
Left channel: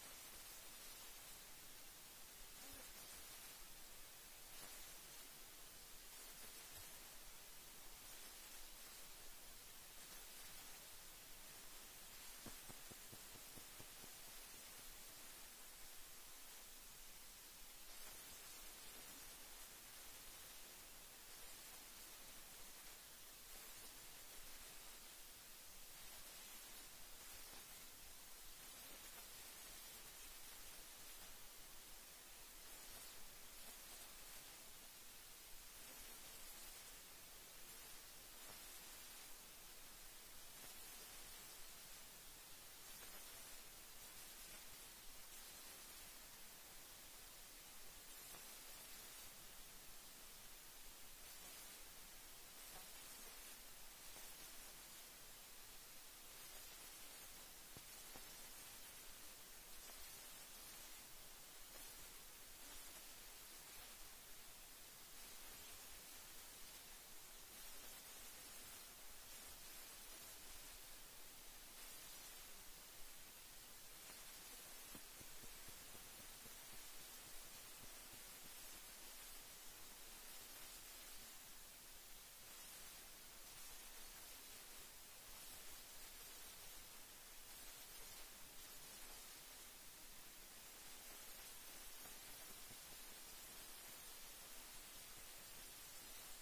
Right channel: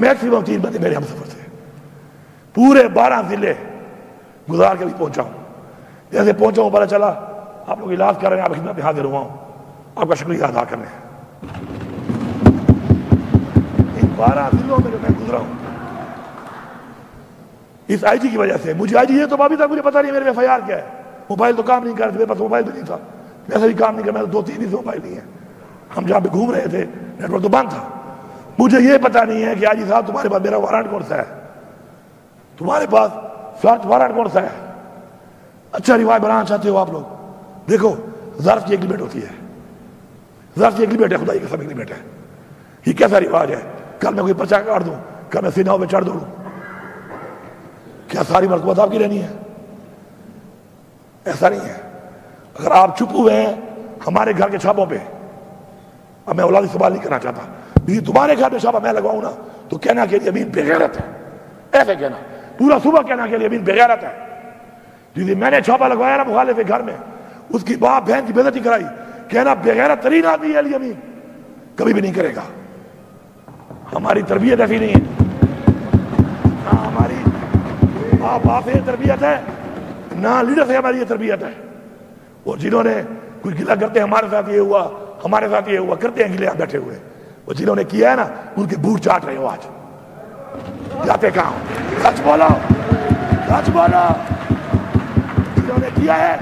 میکسیمم 3 بندے میرے ہم سفر تھے. پورے 12 ضلع گزار کے بھی پہنچا ہوں. جیسے پہنچا ہوں پتہ چلا آپ لوگ علاج کر رہے ہیں، آپ خدمت میں حاضر ہوا ہوں. آپ کا شکریہ ادا کرنے. ان 12 ضلعوں میں جو میں گزرا ہوں اس آئی جی کی وجہ سے. مجھے آئی جی یہ تو ابھی تک مجھے پتا نہیں میرے میں FIR کیا ہے. موبائل تو کام نہیں کر رہے، میرے پاس موبائل بھی نہیں تھا. ویسے بھی کام نہیں کر، میں 2-3 دن سے موبائل نہیں ہے. ہم جہاں پہ گھوم رہے تھے نیٹ ورک تو بند تھا. مجھے یہ پتا نہیں ہے کہ آئی جی صاحب تمہارے پاس میرا وارنٹ کون سا ہے، تمہارے پاس سرچ وارنٹ کون سا ہے. اچھا روایت بنانا چاہتے ہو آپ لوگ؟ دیکھو ظرف کی ایک لمٹ ہوتی ہے. ظرف کی ایک لمٹ ہے، خدا کی قسم ایک لمٹ ہے. یہ کیسا رواج ہے؟ کل میں کوئی پرچہ کاٹ دوں، کل میں سیناؤں پہ چڑھ دوڑوں، کیا ساری مرتبہ آپ کی رہنی ہے؟ ایسا نہیں ہے. اگر آپ چپ ہوئے ہیں ہمارے گھر کے چھاپوں پہ، اب میں اولادی سوال نہیں کرنا چاہتا، لیکن تمہارے گھر پہ چھاپا میں لگواؤں نا تو کہنا کہ امین بے غیرت ہے. ایسے کہنا پورا صبح کہنا کہ امین بے غیرت ہے. جی میں نے چھاپا لگوایا نا مخالف کے گھر میں، اس کی باپ بہن کی بے عزتی کرائی، کہنا بے غیرت ترین آدمی ہے علی امین. کبھی بھی نہیں کرے گا. ہماری تربیت ایسی نہیں ہے، نہ ہماری باپ سے تربیت ہے، نہ لیڈر سے ہماری یہ تربیت ہے. اور جنہوں نے کچھ گلا کرتے ہیں ہمارے ساتھ یہ ہوا، ہمارے ساتھ یہ ہوا، کرتے ہیں گلے آپ بیٹھے ہوئے. وہ جنہوں نے کیا ہے نا ان کے بوٹ چاٹ رہے ہو آج. جاتے کہاں؟ سچ بولو، سچ بولو. جنہوں نے کیا ہے،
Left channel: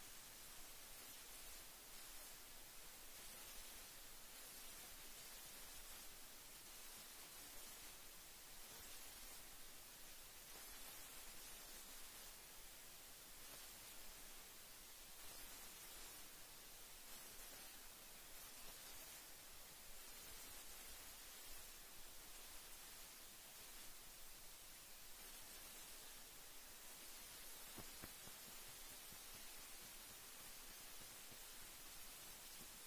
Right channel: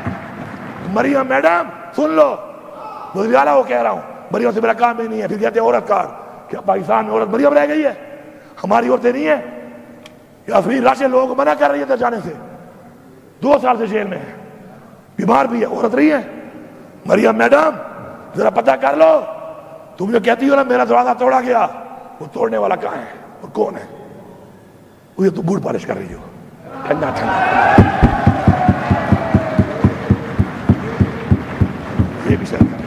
مریم میڈم سن لو، وزیر اعلیٰ وہ کہہ رہا ہوں، مریم سے میرا کام ہی نہیں ہے. پھر کہتے ہیں عورت کار. کیا پاکستان میں عورت مریم رہ گئی ہے؟ ہماری عورتیں نہیں ہیں. افرین راشد لوگوں کو منع کر رہی ہے جانے سے، 2 سال سے جیل میں ہے، بیمار بھی ہے، عورت رہی ہے. مریم میڈم ذرا پتہ کر لو. تم جو کہتی ہو نا میرا دروازہ توڑا گیا، وہ توڑنے والا کہاں ہے اور کون ہے؟ وہ یہ تو بوٹ پالش کر رہی ہو. ٹھنڈا ٹھنڈا یہ بھی شاید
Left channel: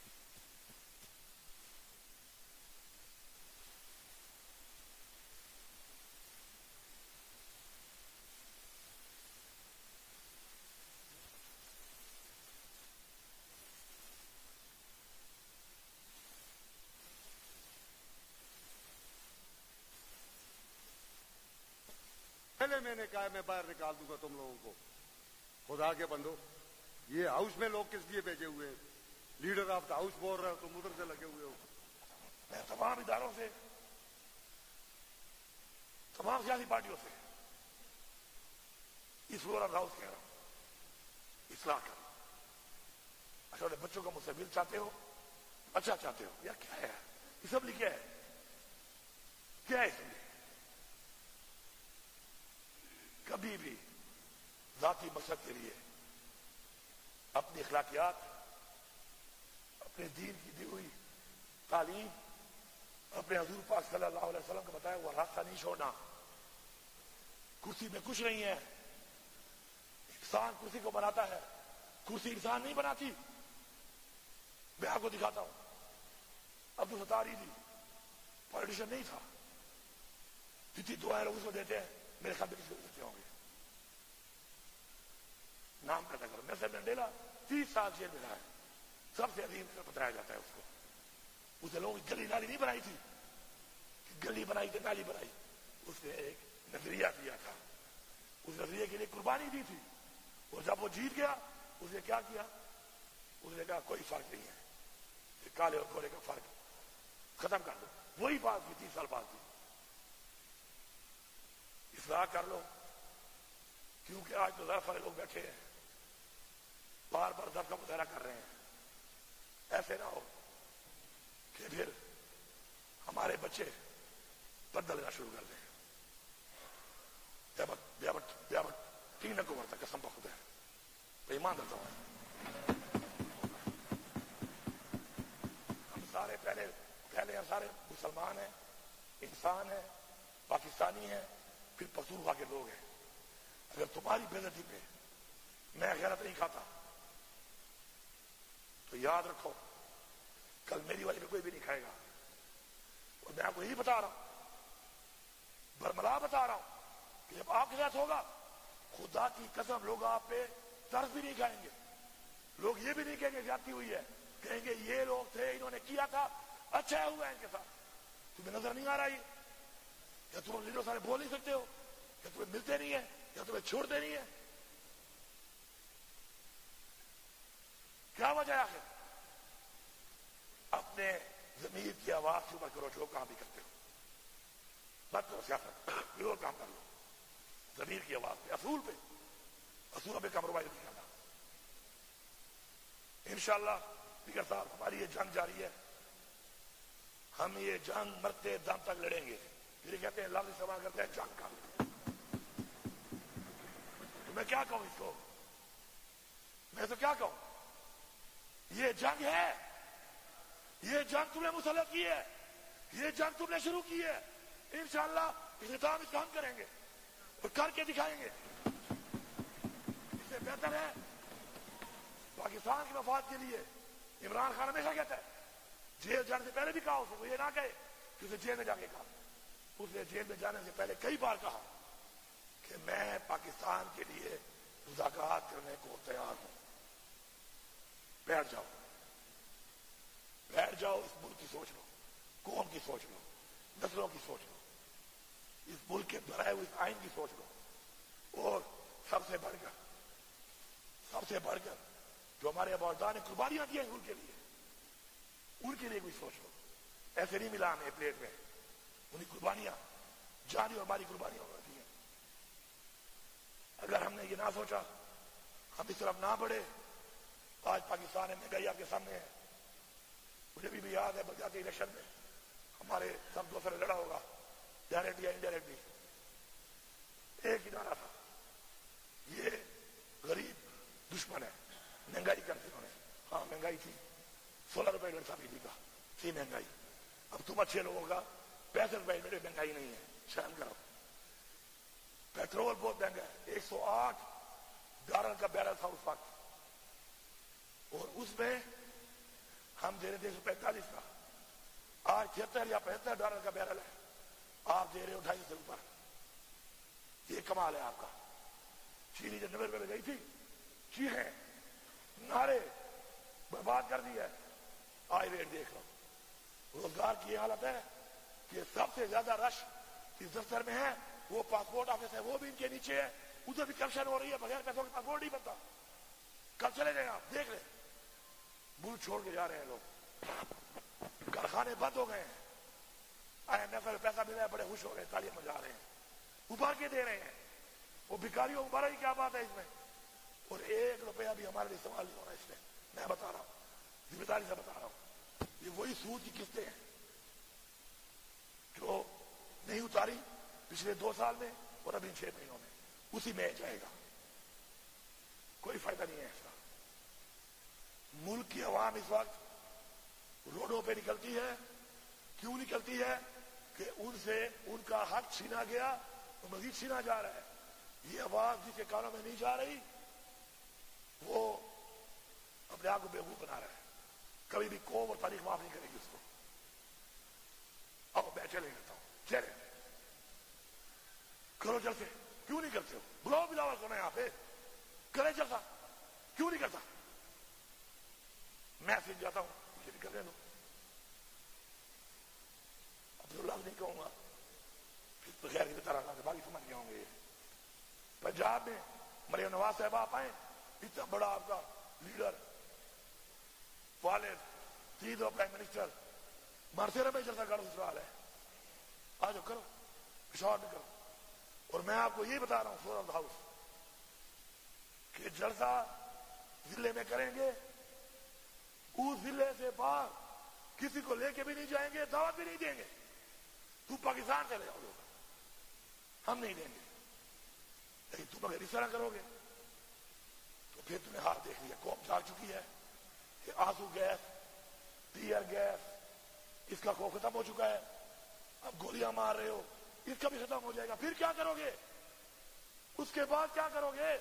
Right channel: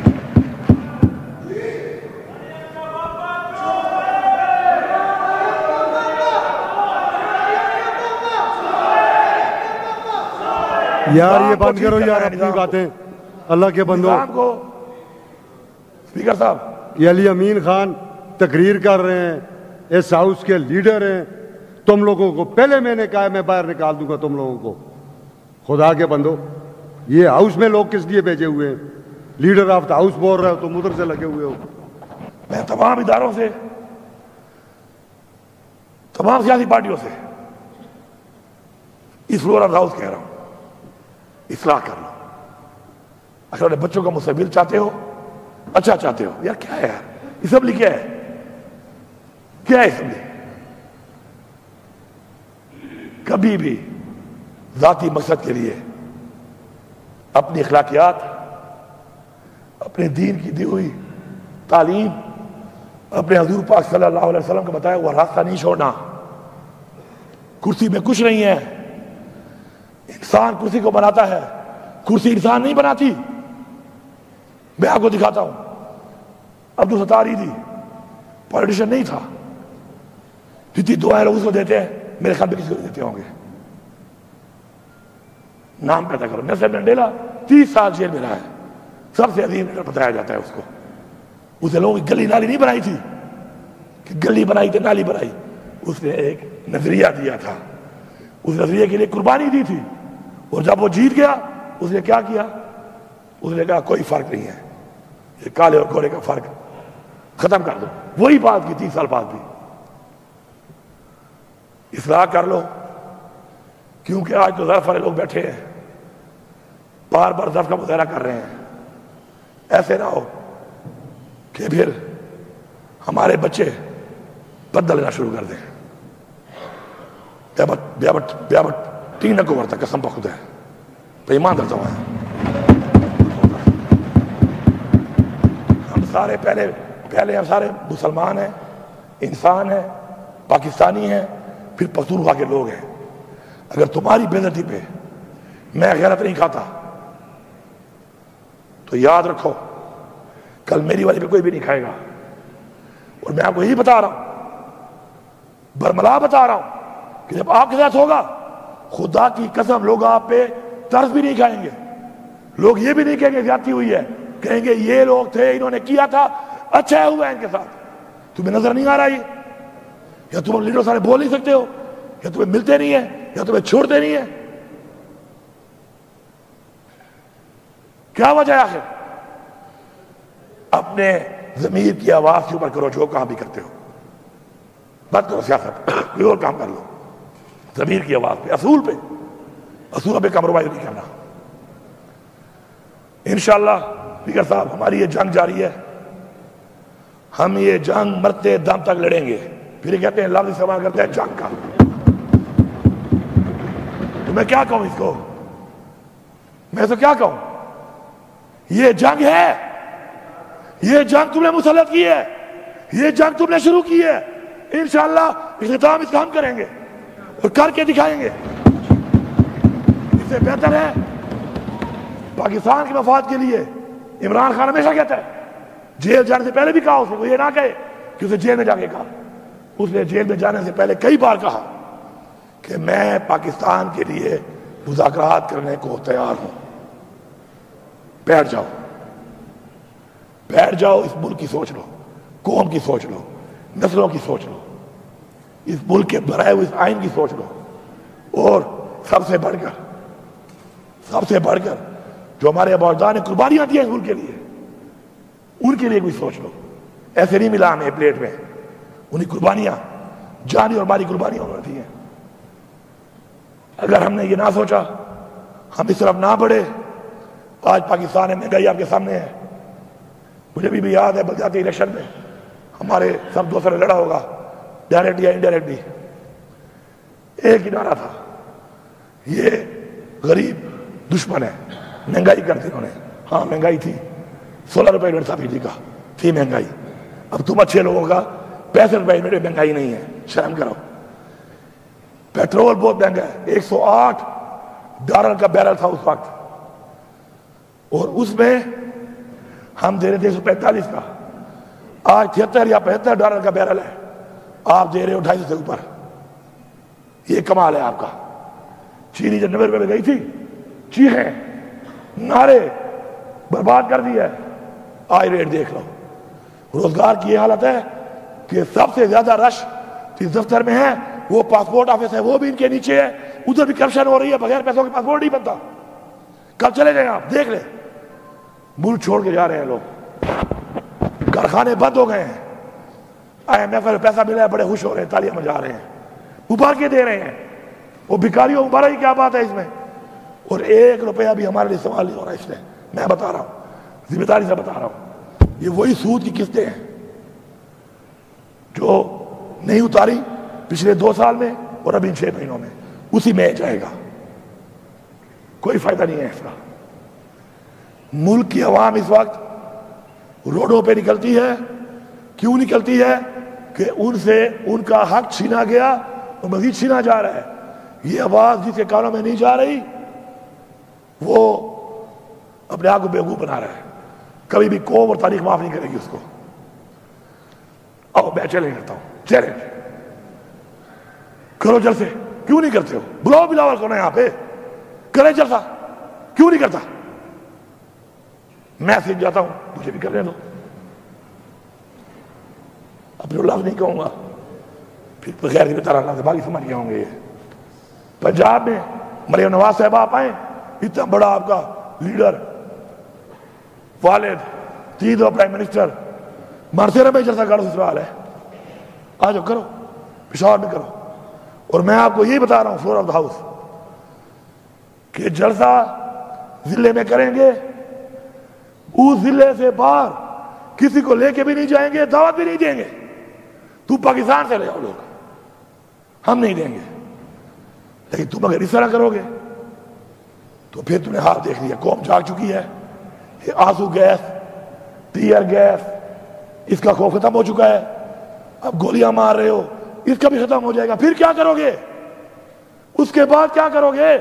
یار یہ بند کرو یار اپنی باتیں اللہ کے بندو. اسپیکر صاحب یہ علی امین خان تقریر کر رہے ہیں، اس ہاؤس کے لیڈر ہیں. تم لوگوں کو پہلے میں نے کہا میں باہر نکال دوں گا تم لوگوں کو. خدا کے بندو یہ ہاؤس میں لوگ کس لیے بھیجے ہوئے ہیں؟ لیڈر آف دا ہاؤس بول رہے ہو تم ادھر سے لگے ہوئے ہو. میں تمام اداروں سے، تمام سیاسی پارٹیوں سے اس فلور آف ہاؤس کہہ رہا ہوں، اصلاح کر لو. اچھا بچوں کا مستقبل چاہتے ہو، اچھا چاہتے ہو، یار کیا ہے یار اسمبلی؟ کیا ہے، کیا ہے اسمبلی؟ کبھی بھی ذاتی مقصد کے لیے اپنی اخلاقیات، اپنے دین کی دی ہوئی تعلیم، اپنے حضور پاک صلی اللہ علیہ وسلم کا بتایا وہ راستہ نہیں چھوڑنا. کرسی میں کچھ نہیں ہے. انسان کرسی کو بناتا ہے، کرسی انسان نہیں بناتی. میں آپ کو دکھاتا ہوں، عبدالستار عیدی پولیٹیشین نہیں تھا. جتنی دعائیں لوگ اس کو دیتے ہیں میرے خیال میں کسی کو دیتے ہوں گے. نام پیدا کرو. نیلسن منڈیلا 30 سال جیل میں رہا ہے. سب سے عظیم لیڈر بتایا جاتا ہے اس کو. اسے لوگوں کی گلی نالی نہیں بنائی تھی کہ گلی بنائی تو نالی بنائی. اس نے ایک نظریہ دیا تھا, اس نظریے کے لیے قربانی دی تھی, اور جب وہ جیت گیا اس نے کیا کیا؟ اس نے کہا کوئی فرق نہیں ہے, یہ کالے اور گورے کا فرق ختم کر دو. وہی بات کی 30 سال بعد بھی. اصلاح کر لو, کیونکہ آج تو ظرف والے لوگ بیٹھے ہیں بار بار ظرف کا مظاہرہ کر رہے ہیں. ایسے نہ ہو کہ پھر ہمارے بچے بدل لینا شروع کر دیں. بیابٹ 3 کو ورتا قسم پہ خدا ہے, پہ ایمان درتا ہوا ہے. ہم سارے پہلے ہم سارے مسلمان ہیں, انسان ہیں, پاکستانی ہیں, پھر پختونخوا کے لوگ ہیں. اگر تمہاری بے عزتی پہ میں غیرت نہیں کھاتا تو یاد رکھو کل میری والی پہ کوئی بھی نہیں کھائے گا. اور میں آپ کو یہی بتا رہا ہوں, برملا بتا رہا ہوں, کہ جب آپ کے ساتھ ہوگا خدا کی قسم لوگ آپ پہ ترس بھی نہیں کھائیں گے. لوگ یہ بھی نہیں کہیں گے زیادتی ہوئی ہے, کہیں گے یہ لوگ تھے انہوں نے کیا تھا اچھا ہوا ان کے ساتھ. تمہیں نظر نہیں آ رہا یہ, یا تم لیڈر سارے بول نہیں سکتے ہو, یا تمہیں ملتے نہیں ہیں, یا تمہیں چھوڑتے نہیں ہیں؟ کیا وجہ ہے آخر؟ اپنے ضمیر کی آواز کے اوپر کرو جو کام بھی کرتے ہو. بات کرو سیاست, کوئی اور کام کر لو. ضمیر کی آواز پہ, اصول پہ کمپرومائز نہیں کرنا. انشاءاللہ اسپیکر صاحب ہماری یہ جنگ جاری ہے, ہم یہ جنگ مرتے دم تک لڑیں گے. پھر یہ کہتے ہیں لفظ استعمال کرتے ہیں جنگ کا. تو میں کیا کہوں اس کو, میں تو کیا کہوں؟ یہ جنگ ہے, یہ جنگ تم نے مسلط کی ہے, یہ جنگ تم نے شروع کی ہے. انشاءاللہ اختتام اس کا ہم کریں گے اور کر کے دکھائیں گے. اس سے بہتر ہے پاکستان کے مفاد کے لیے. عمران خان ہمیشہ کہتا ہے, جیل جانے سے پہلے بھی کہا اسے, وہ یہ نہ کہے کہ اسے جیل میں جا کے کہا. اس نے جیل میں جانے سے پہلے کئی بار کہا کہ میں پاکستان کے لیے مذاکرات کرنے کو تیار ہوں. بیٹھ جاؤ, بیٹھ جاؤ, اس ملک کی سوچ لو, قوم کی سوچ لو, نسلوں کی سوچ لو, اس ملک کے بنائے ہوئے اس آئین کی سوچ لو, اور سب سے بڑھ کر جو ہمارے اباء نے قربانیاں دی ہیں اس ملک کے لیے, ان کے لیے کوئی سوچ لو. ایسے نہیں ملا ہمیں پلیٹ میں, انہیں قربانیاں, جانی اور مالی قربانیاں انہوں نے دی ہیں. اگر ہم نے یہ نہ سوچا, ہم اس طرف نہ بڑھے, آج پاکستان میں مہنگائی آپ کے سامنے ہے. مجھے بھی یاد ہے بلدیاتی الیکشن میں ہمارے سب دوستوں نے لڑا ہوگا, ڈائریکٹ یا انڈائریکٹلی. ایک ہی نعرہ تھا, یہ غریب دشمن ہے, مہنگائی کر دی انہوں نے. ہاں مہنگائی تھی, 16 روپے یونٹ تھا بجلی کا, تھی مہنگائی. اب تم اچھے لوگوں کا 65 روپے یونٹ مہنگائی نہیں ہے, شرم کرو. پیٹرول بہت مہنگا ہے, $108 کا بیرل تھا اس وقت, اور اس میں ہم دے رہے تھے 145 کا. آج 73 یا $75 کا بیرل ہے, آپ دے رہے ہو 250 سے اوپر. یہ کمال ہے آپ کا. چینی جب 90 روپے میں گئی تھی, چیخیں, نعرے, برباد کر دی ہے. آج ریٹ دیکھ لو. روزگار کی یہ حالت ہے کہ سب سے زیادہ رش جس دفتر میں ہے وہ پاسپورٹ آفس ہے, وہ بھی ان کے نیچے ہے. ادھر بھی کرپشن ہو رہی ہے, بغیر پیسوں کے پاسپورٹ نہیں بنتا. کل چلے جائیں آپ, دیکھ لیں, ملک چھوڑ کے جا رہے ہیں لوگ, کارخانے بند ہو گئے ہیں. IMF میں پیسہ ملا ہے, بڑے خوش ہو رہے ہیں, تالیاں بجا رہے ہیں, ابھار کے دے رہے ہیں. وہ بھکاریوں مبارک کی کیا بات ہے اس میں؟ اور 1 روپیہ بھی ہمارے لیے استعمال نہیں ہو رہا اس میں. میں بتا رہا ہوں, ذمہ داری سے بتا رہا ہوں, یہ وہی سود کی قسطیں ہیں جو نہیں اتاری پچھلے 2 سال میں اور ابھی 6 مہینوں میں, اسی میں جائے گا. کوئی فائدہ نہیں ہے اس کا. ملک کی عوام اس وقت روڈوں پہ نکلتی ہے. کیوں نکلتی ہے؟ کہ ان سے ان کا حق چھینا گیا اور مزید چھینا جا رہا ہے. یہ آواز جس کے کانوں میں نہیں جا رہی وہ اپنے آپ کو بیوقوف بنا رہا ہے. کبھی بھی قوم اور تاریخ معاف نہیں کرے گی اس کو. میں چیلنج کرتا ہوں, چیلنج کرو جلسے. کیوں نہیں کرتے ہو؟ بلاؤ بلاول کو نا یہاں پہ, کرے جلسہ. کیوں نہیں کرتا؟ میں سیکھ جاتا ہوں، مجھے بھی کرنے دو، اپنے لفظ نہیں کہوں گا، پھر بغیر کی طرح اللہ سے باقی سمجھ گئے ہوں گے۔ پنجاب میں مریم نواز صاحب آپ آئیں، اتنا بڑا آپ کا لیڈر، والد، تین دو پرائم منسٹر، مرتے رہے جلسہ کرو، سسرال ہے، آ جاؤ کرو، پشاور میں کرو۔ اور میں آپ کو یہی بتا رہا ہوں فلور آف دا ہاؤس کہ جلسہ ضلع میں کریں گے، اس ضلع سے باہر کسی کو لے کے بھی نہیں جائیں گے، دعوت بھی نہیں دیں گے۔ تو پاکستان سے لے آؤ لوگ، ہم نہیں دیں گے، لیکن تم اگر اس طرح کرو گے تو پھر تم نے حال دیکھ لیا، قوم جاگ چکی ہے۔ یہ آنسو گیس، ٹیئر گیس، اس کا خوف ختم ہو چکا ہے، اب گولیاں مار رہے ہو، اس کا بھی ختم ہو جائے گا۔ پھر کیا کرو گے؟ اس کے بعد کیا کرو گے؟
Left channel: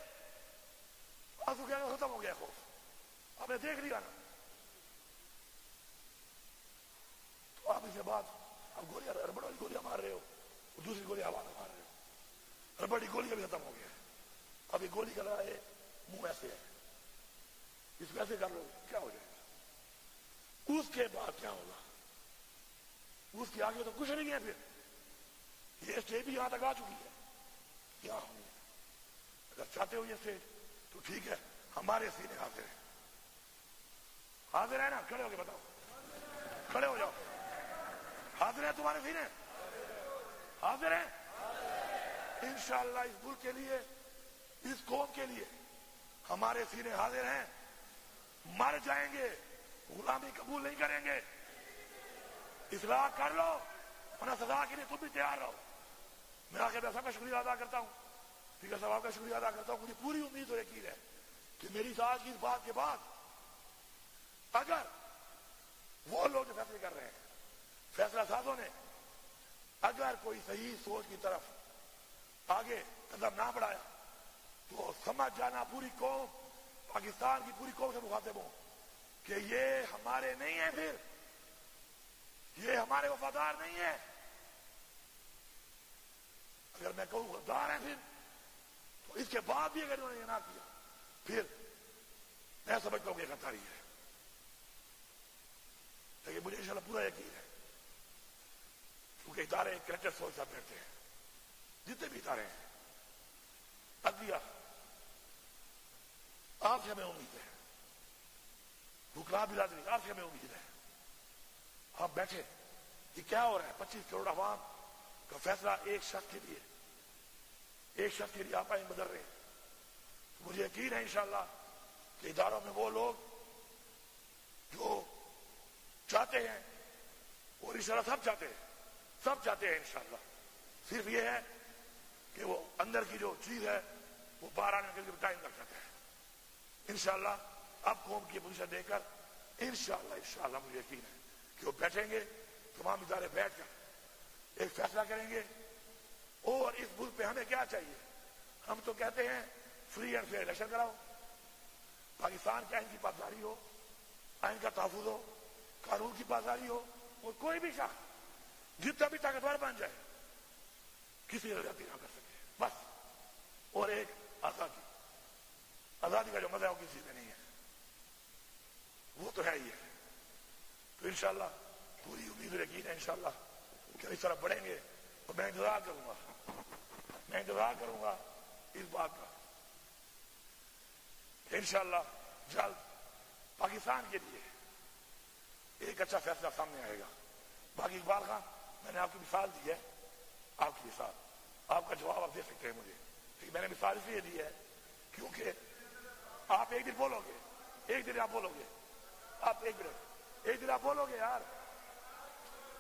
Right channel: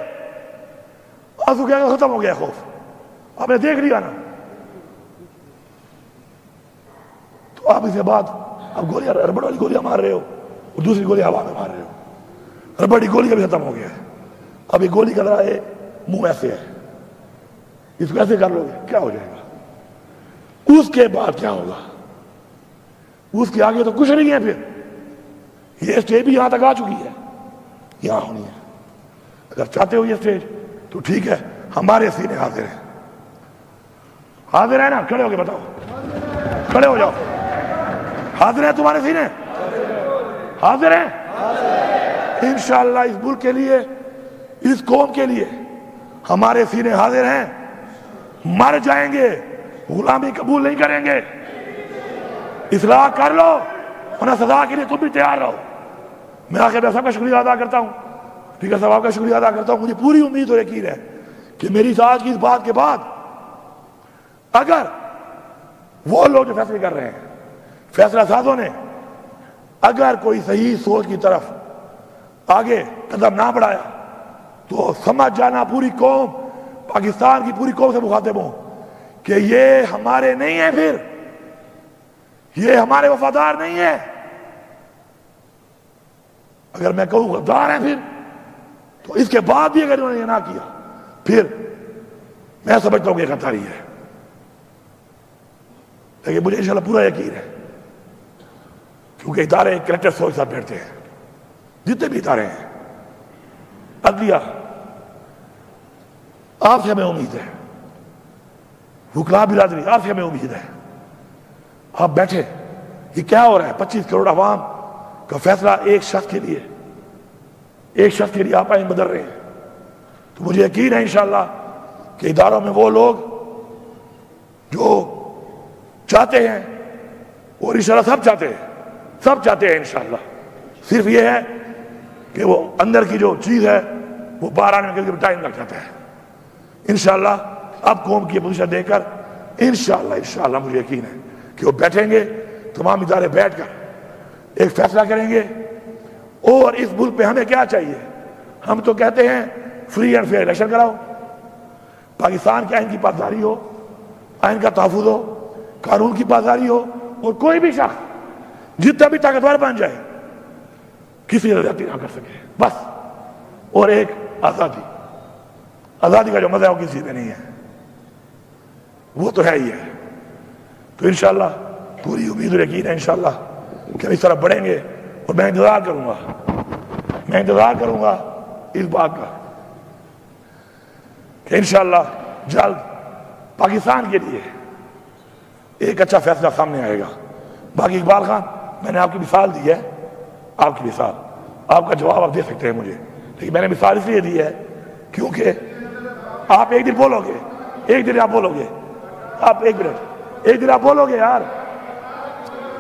آنسو گیس ختم ہو گیا، خوف آپ نے دیکھ لیا نا، تو آپ اس کے بعد اب گولیاں، ربڑ والی گولیاں مار رہے ہو اور دوسری گولی ہوا میں مار رہے ہو، ربڑ کی گولی کا بھی ختم ہو گیا ہے، اب یہ گولی کا ذرا منہ ایسے ہے، اس کو ایسے کر لو گے کیا ہو جائے گا؟ اس کے بعد کیا ہوگا؟ اس کے آگے تو کچھ نہیں ہے۔ پھر یہ اسٹیج بھی یہاں تک آ چکی ہے، یہاں ہونی ہے۔ اگر چاہتے ہو یہ اسٹیج تو ٹھیک ہے، ہمارے سینے حاضر ہیں، حاضر ہے نا؟ کھڑے ہو کے بتاؤ، کھڑے ہو جاؤ، حاضر ہیں تمہارے سینے؟ حاضر ہیں انشاءاللہ۔ اس ملک کے لیے، اس قوم کے لیے ہمارے سینے حاضر ہیں، مر جائیں گے، غلامی قبول نہیں کریں گے۔ اصلاح کر لو، ورنہ سزا کے لیے تم بھی تیار رہو۔ میں آخر میں سب کا شکریہ ادا کرتا ہوں، اسپیکر صاحب کا شکریہ ادا کرتا ہوں۔ مجھے پوری امید اور یقین ہے کہ میری آج کی اس بات کے بعد اگر وہ لوگ جو فیصلے کر رہے ہیں، فیصلہ سازوں نے اگر کوئی صحیح سوچ کی طرف آگے قدم نہ بڑھایا تو سمجھ جانا پوری قوم، پاکستان کی پوری قوم سے مخاطب ہوں کہ یہ ہمارے نہیں ہیں، پھر یہ ہمارے وفادار نہیں ہیں۔ اگر میں کہوں غدار ہیں پھر، تو اس کے بعد بھی اگر انہوں نے یہ نہ کیا، پھر میں سمجھتا ہوں کہ یہ غداری ہے۔ لیکن مجھے انشاءاللہ پورا یقین ہے، کیونکہ ادارے کریکٹر سوچ ساتھ بیٹھتے ہیں، جتنے بھی ادارے ہیں، عدلیہ، آپ سے ہمیں امید ہے، وکلاء برادری، آپ سے ہمیں امید ہے، آپ بیٹھے، یہ کیا ہو رہا ہے؟ 25 کروڑ عوام کا فیصلہ ایک شخص کے لیے، ایک شخص کے لیے آپ آئین بدل رہے ہیں۔ تو مجھے یقین ہے انشاءاللہ کہ اداروں میں وہ لوگ جو چاہتے ہیں، اور انشاءاللہ سب چاہتے ہیں انشاءاللہ، صرف یہ ہے کہ وہ اندر کی جو چیز ہے وہ باہر آنے میں ٹائم لگ جاتا ہے۔ انشاءاللہ اب قوم کی پوزیشن دے کر انشاءاللہ مجھے یقین ہے کہ وہ بیٹھیں گے، تمام ادارے بیٹھ کر ایک فیصلہ کریں گے۔ اور اس ملک پہ ہمیں کیا چاہیے؟ ہم تو کہتے ہیں فری اینڈ فیئر الیکشن کراؤ، پاکستان کے آئین کی پاسداری ہو، آئین کا تحفظ ہو، قانون کی پاسداری ہو، اور کوئی بھی شخص جتنا بھی طاقتور بن جائے کسی زیادتی نہ کر سکے، بس۔ اور ایک آزادی کا جو مزہ ہے وہ کسی میں نہیں ہے، وہ تو ہے ہی ہے۔ تو انشاءاللہ پوری امید اور یقین ہے انشاءاللہ کہ ہم اس طرح بڑھیں گے، اور میں انتظار کروں گا اس بات کا کہ انشاءاللہ جلد پاکستان کے لیے ایک اچھا فیصلہ سامنے آئے گا۔ باقی اقبال خان، میں نے آپ کی مثال دی ہے، آپ کی مثال، آپ کا جواب آپ دے سکتے ہیں مجھے، لیکن میں نے مثال اس لیے دی ہے کیونکہ آپ ایک دن بولو گے، ایک دن آپ بولو گے، آپ ایک منٹ، ایک دن آپ بولو گے یار،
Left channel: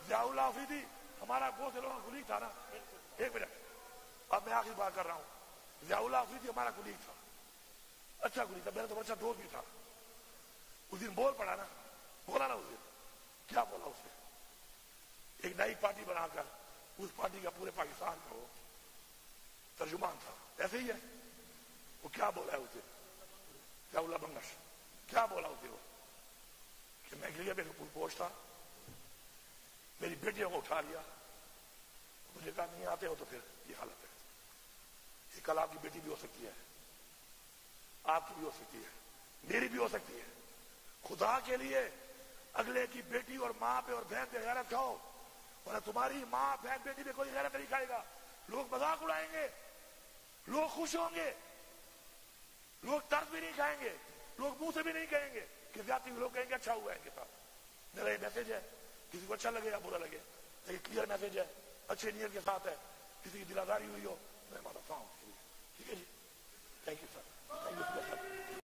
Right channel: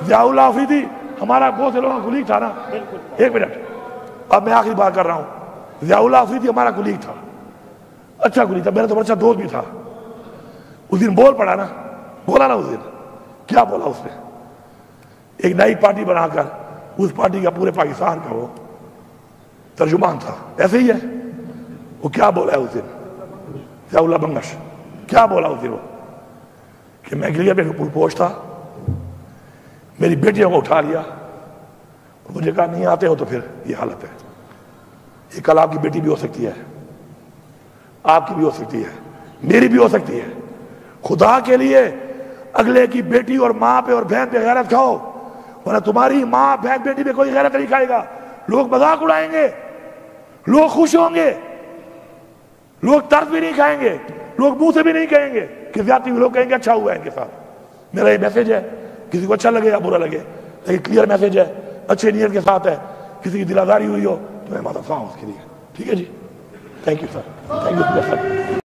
ضیاء اللہ آفریدی ہمارا بہت سے لوگوں کا کلیگ تھا نا، ایک منٹ، اب میں آخری بات کر رہا ہوں، ضیاء اللہ آفریدی ہمارا کلیگ تھا، اچھا کلیگ تھا، میرا تو اچھا دوست بھی تھا۔ اس دن بول پڑا نا، بولا نا، اس دن کیا بولا اس نے؟ ایک نئی پارٹی بنا کر اس پارٹی کا پورے پاکستان کا وہ ترجمان تھا، ایسے ہی ہے۔ وہ کیا بولا ہے اس دن ضیاء اللہ بنگش؟ کیا بولا اس دن وہ کہ میں گلیئر پہ پوچھ تھا، میری بیٹیوں کو اٹھا لیا، مجھے کہا نہیں آتے ہو تو پھر یہ حالت ہے۔ یہ کل آپ کی بیٹی بھی ہو سکتی ہے، آپ کی بھی ہو سکتی ہے، میری بھی ہو سکتی ہے، خدا کے لیے اگلے کی بیٹی اور ماں پہ اور بہن پہ غیرت کھاؤ، ورنہ تمہاری ماں بہن بیٹی پہ کوئی غیرت نہیں کھائے گا. لوگ مذاق اڑائیں گے، لوگ خوش ہوں گے، لوگ ترس بھی نہیں کھائیں گے، لوگ منہ سے بھی نہیں کہیں گے کہ زیادتی، لوگ کہیں گے اچھا ہوا ہے ان کے ساتھ. میرا یہ میسج ہے، کسی کو اچھا لگے یا برا لگے، لیکن کلیئر میسج ہے، اچھے نیت کے ساتھ ہے. کسی کی دل آزاری ہوئی ہو تو میں معذرت خواہ ہوں اس کے لیے. ٹھیک ہے جی، thank you sir, thank you sir.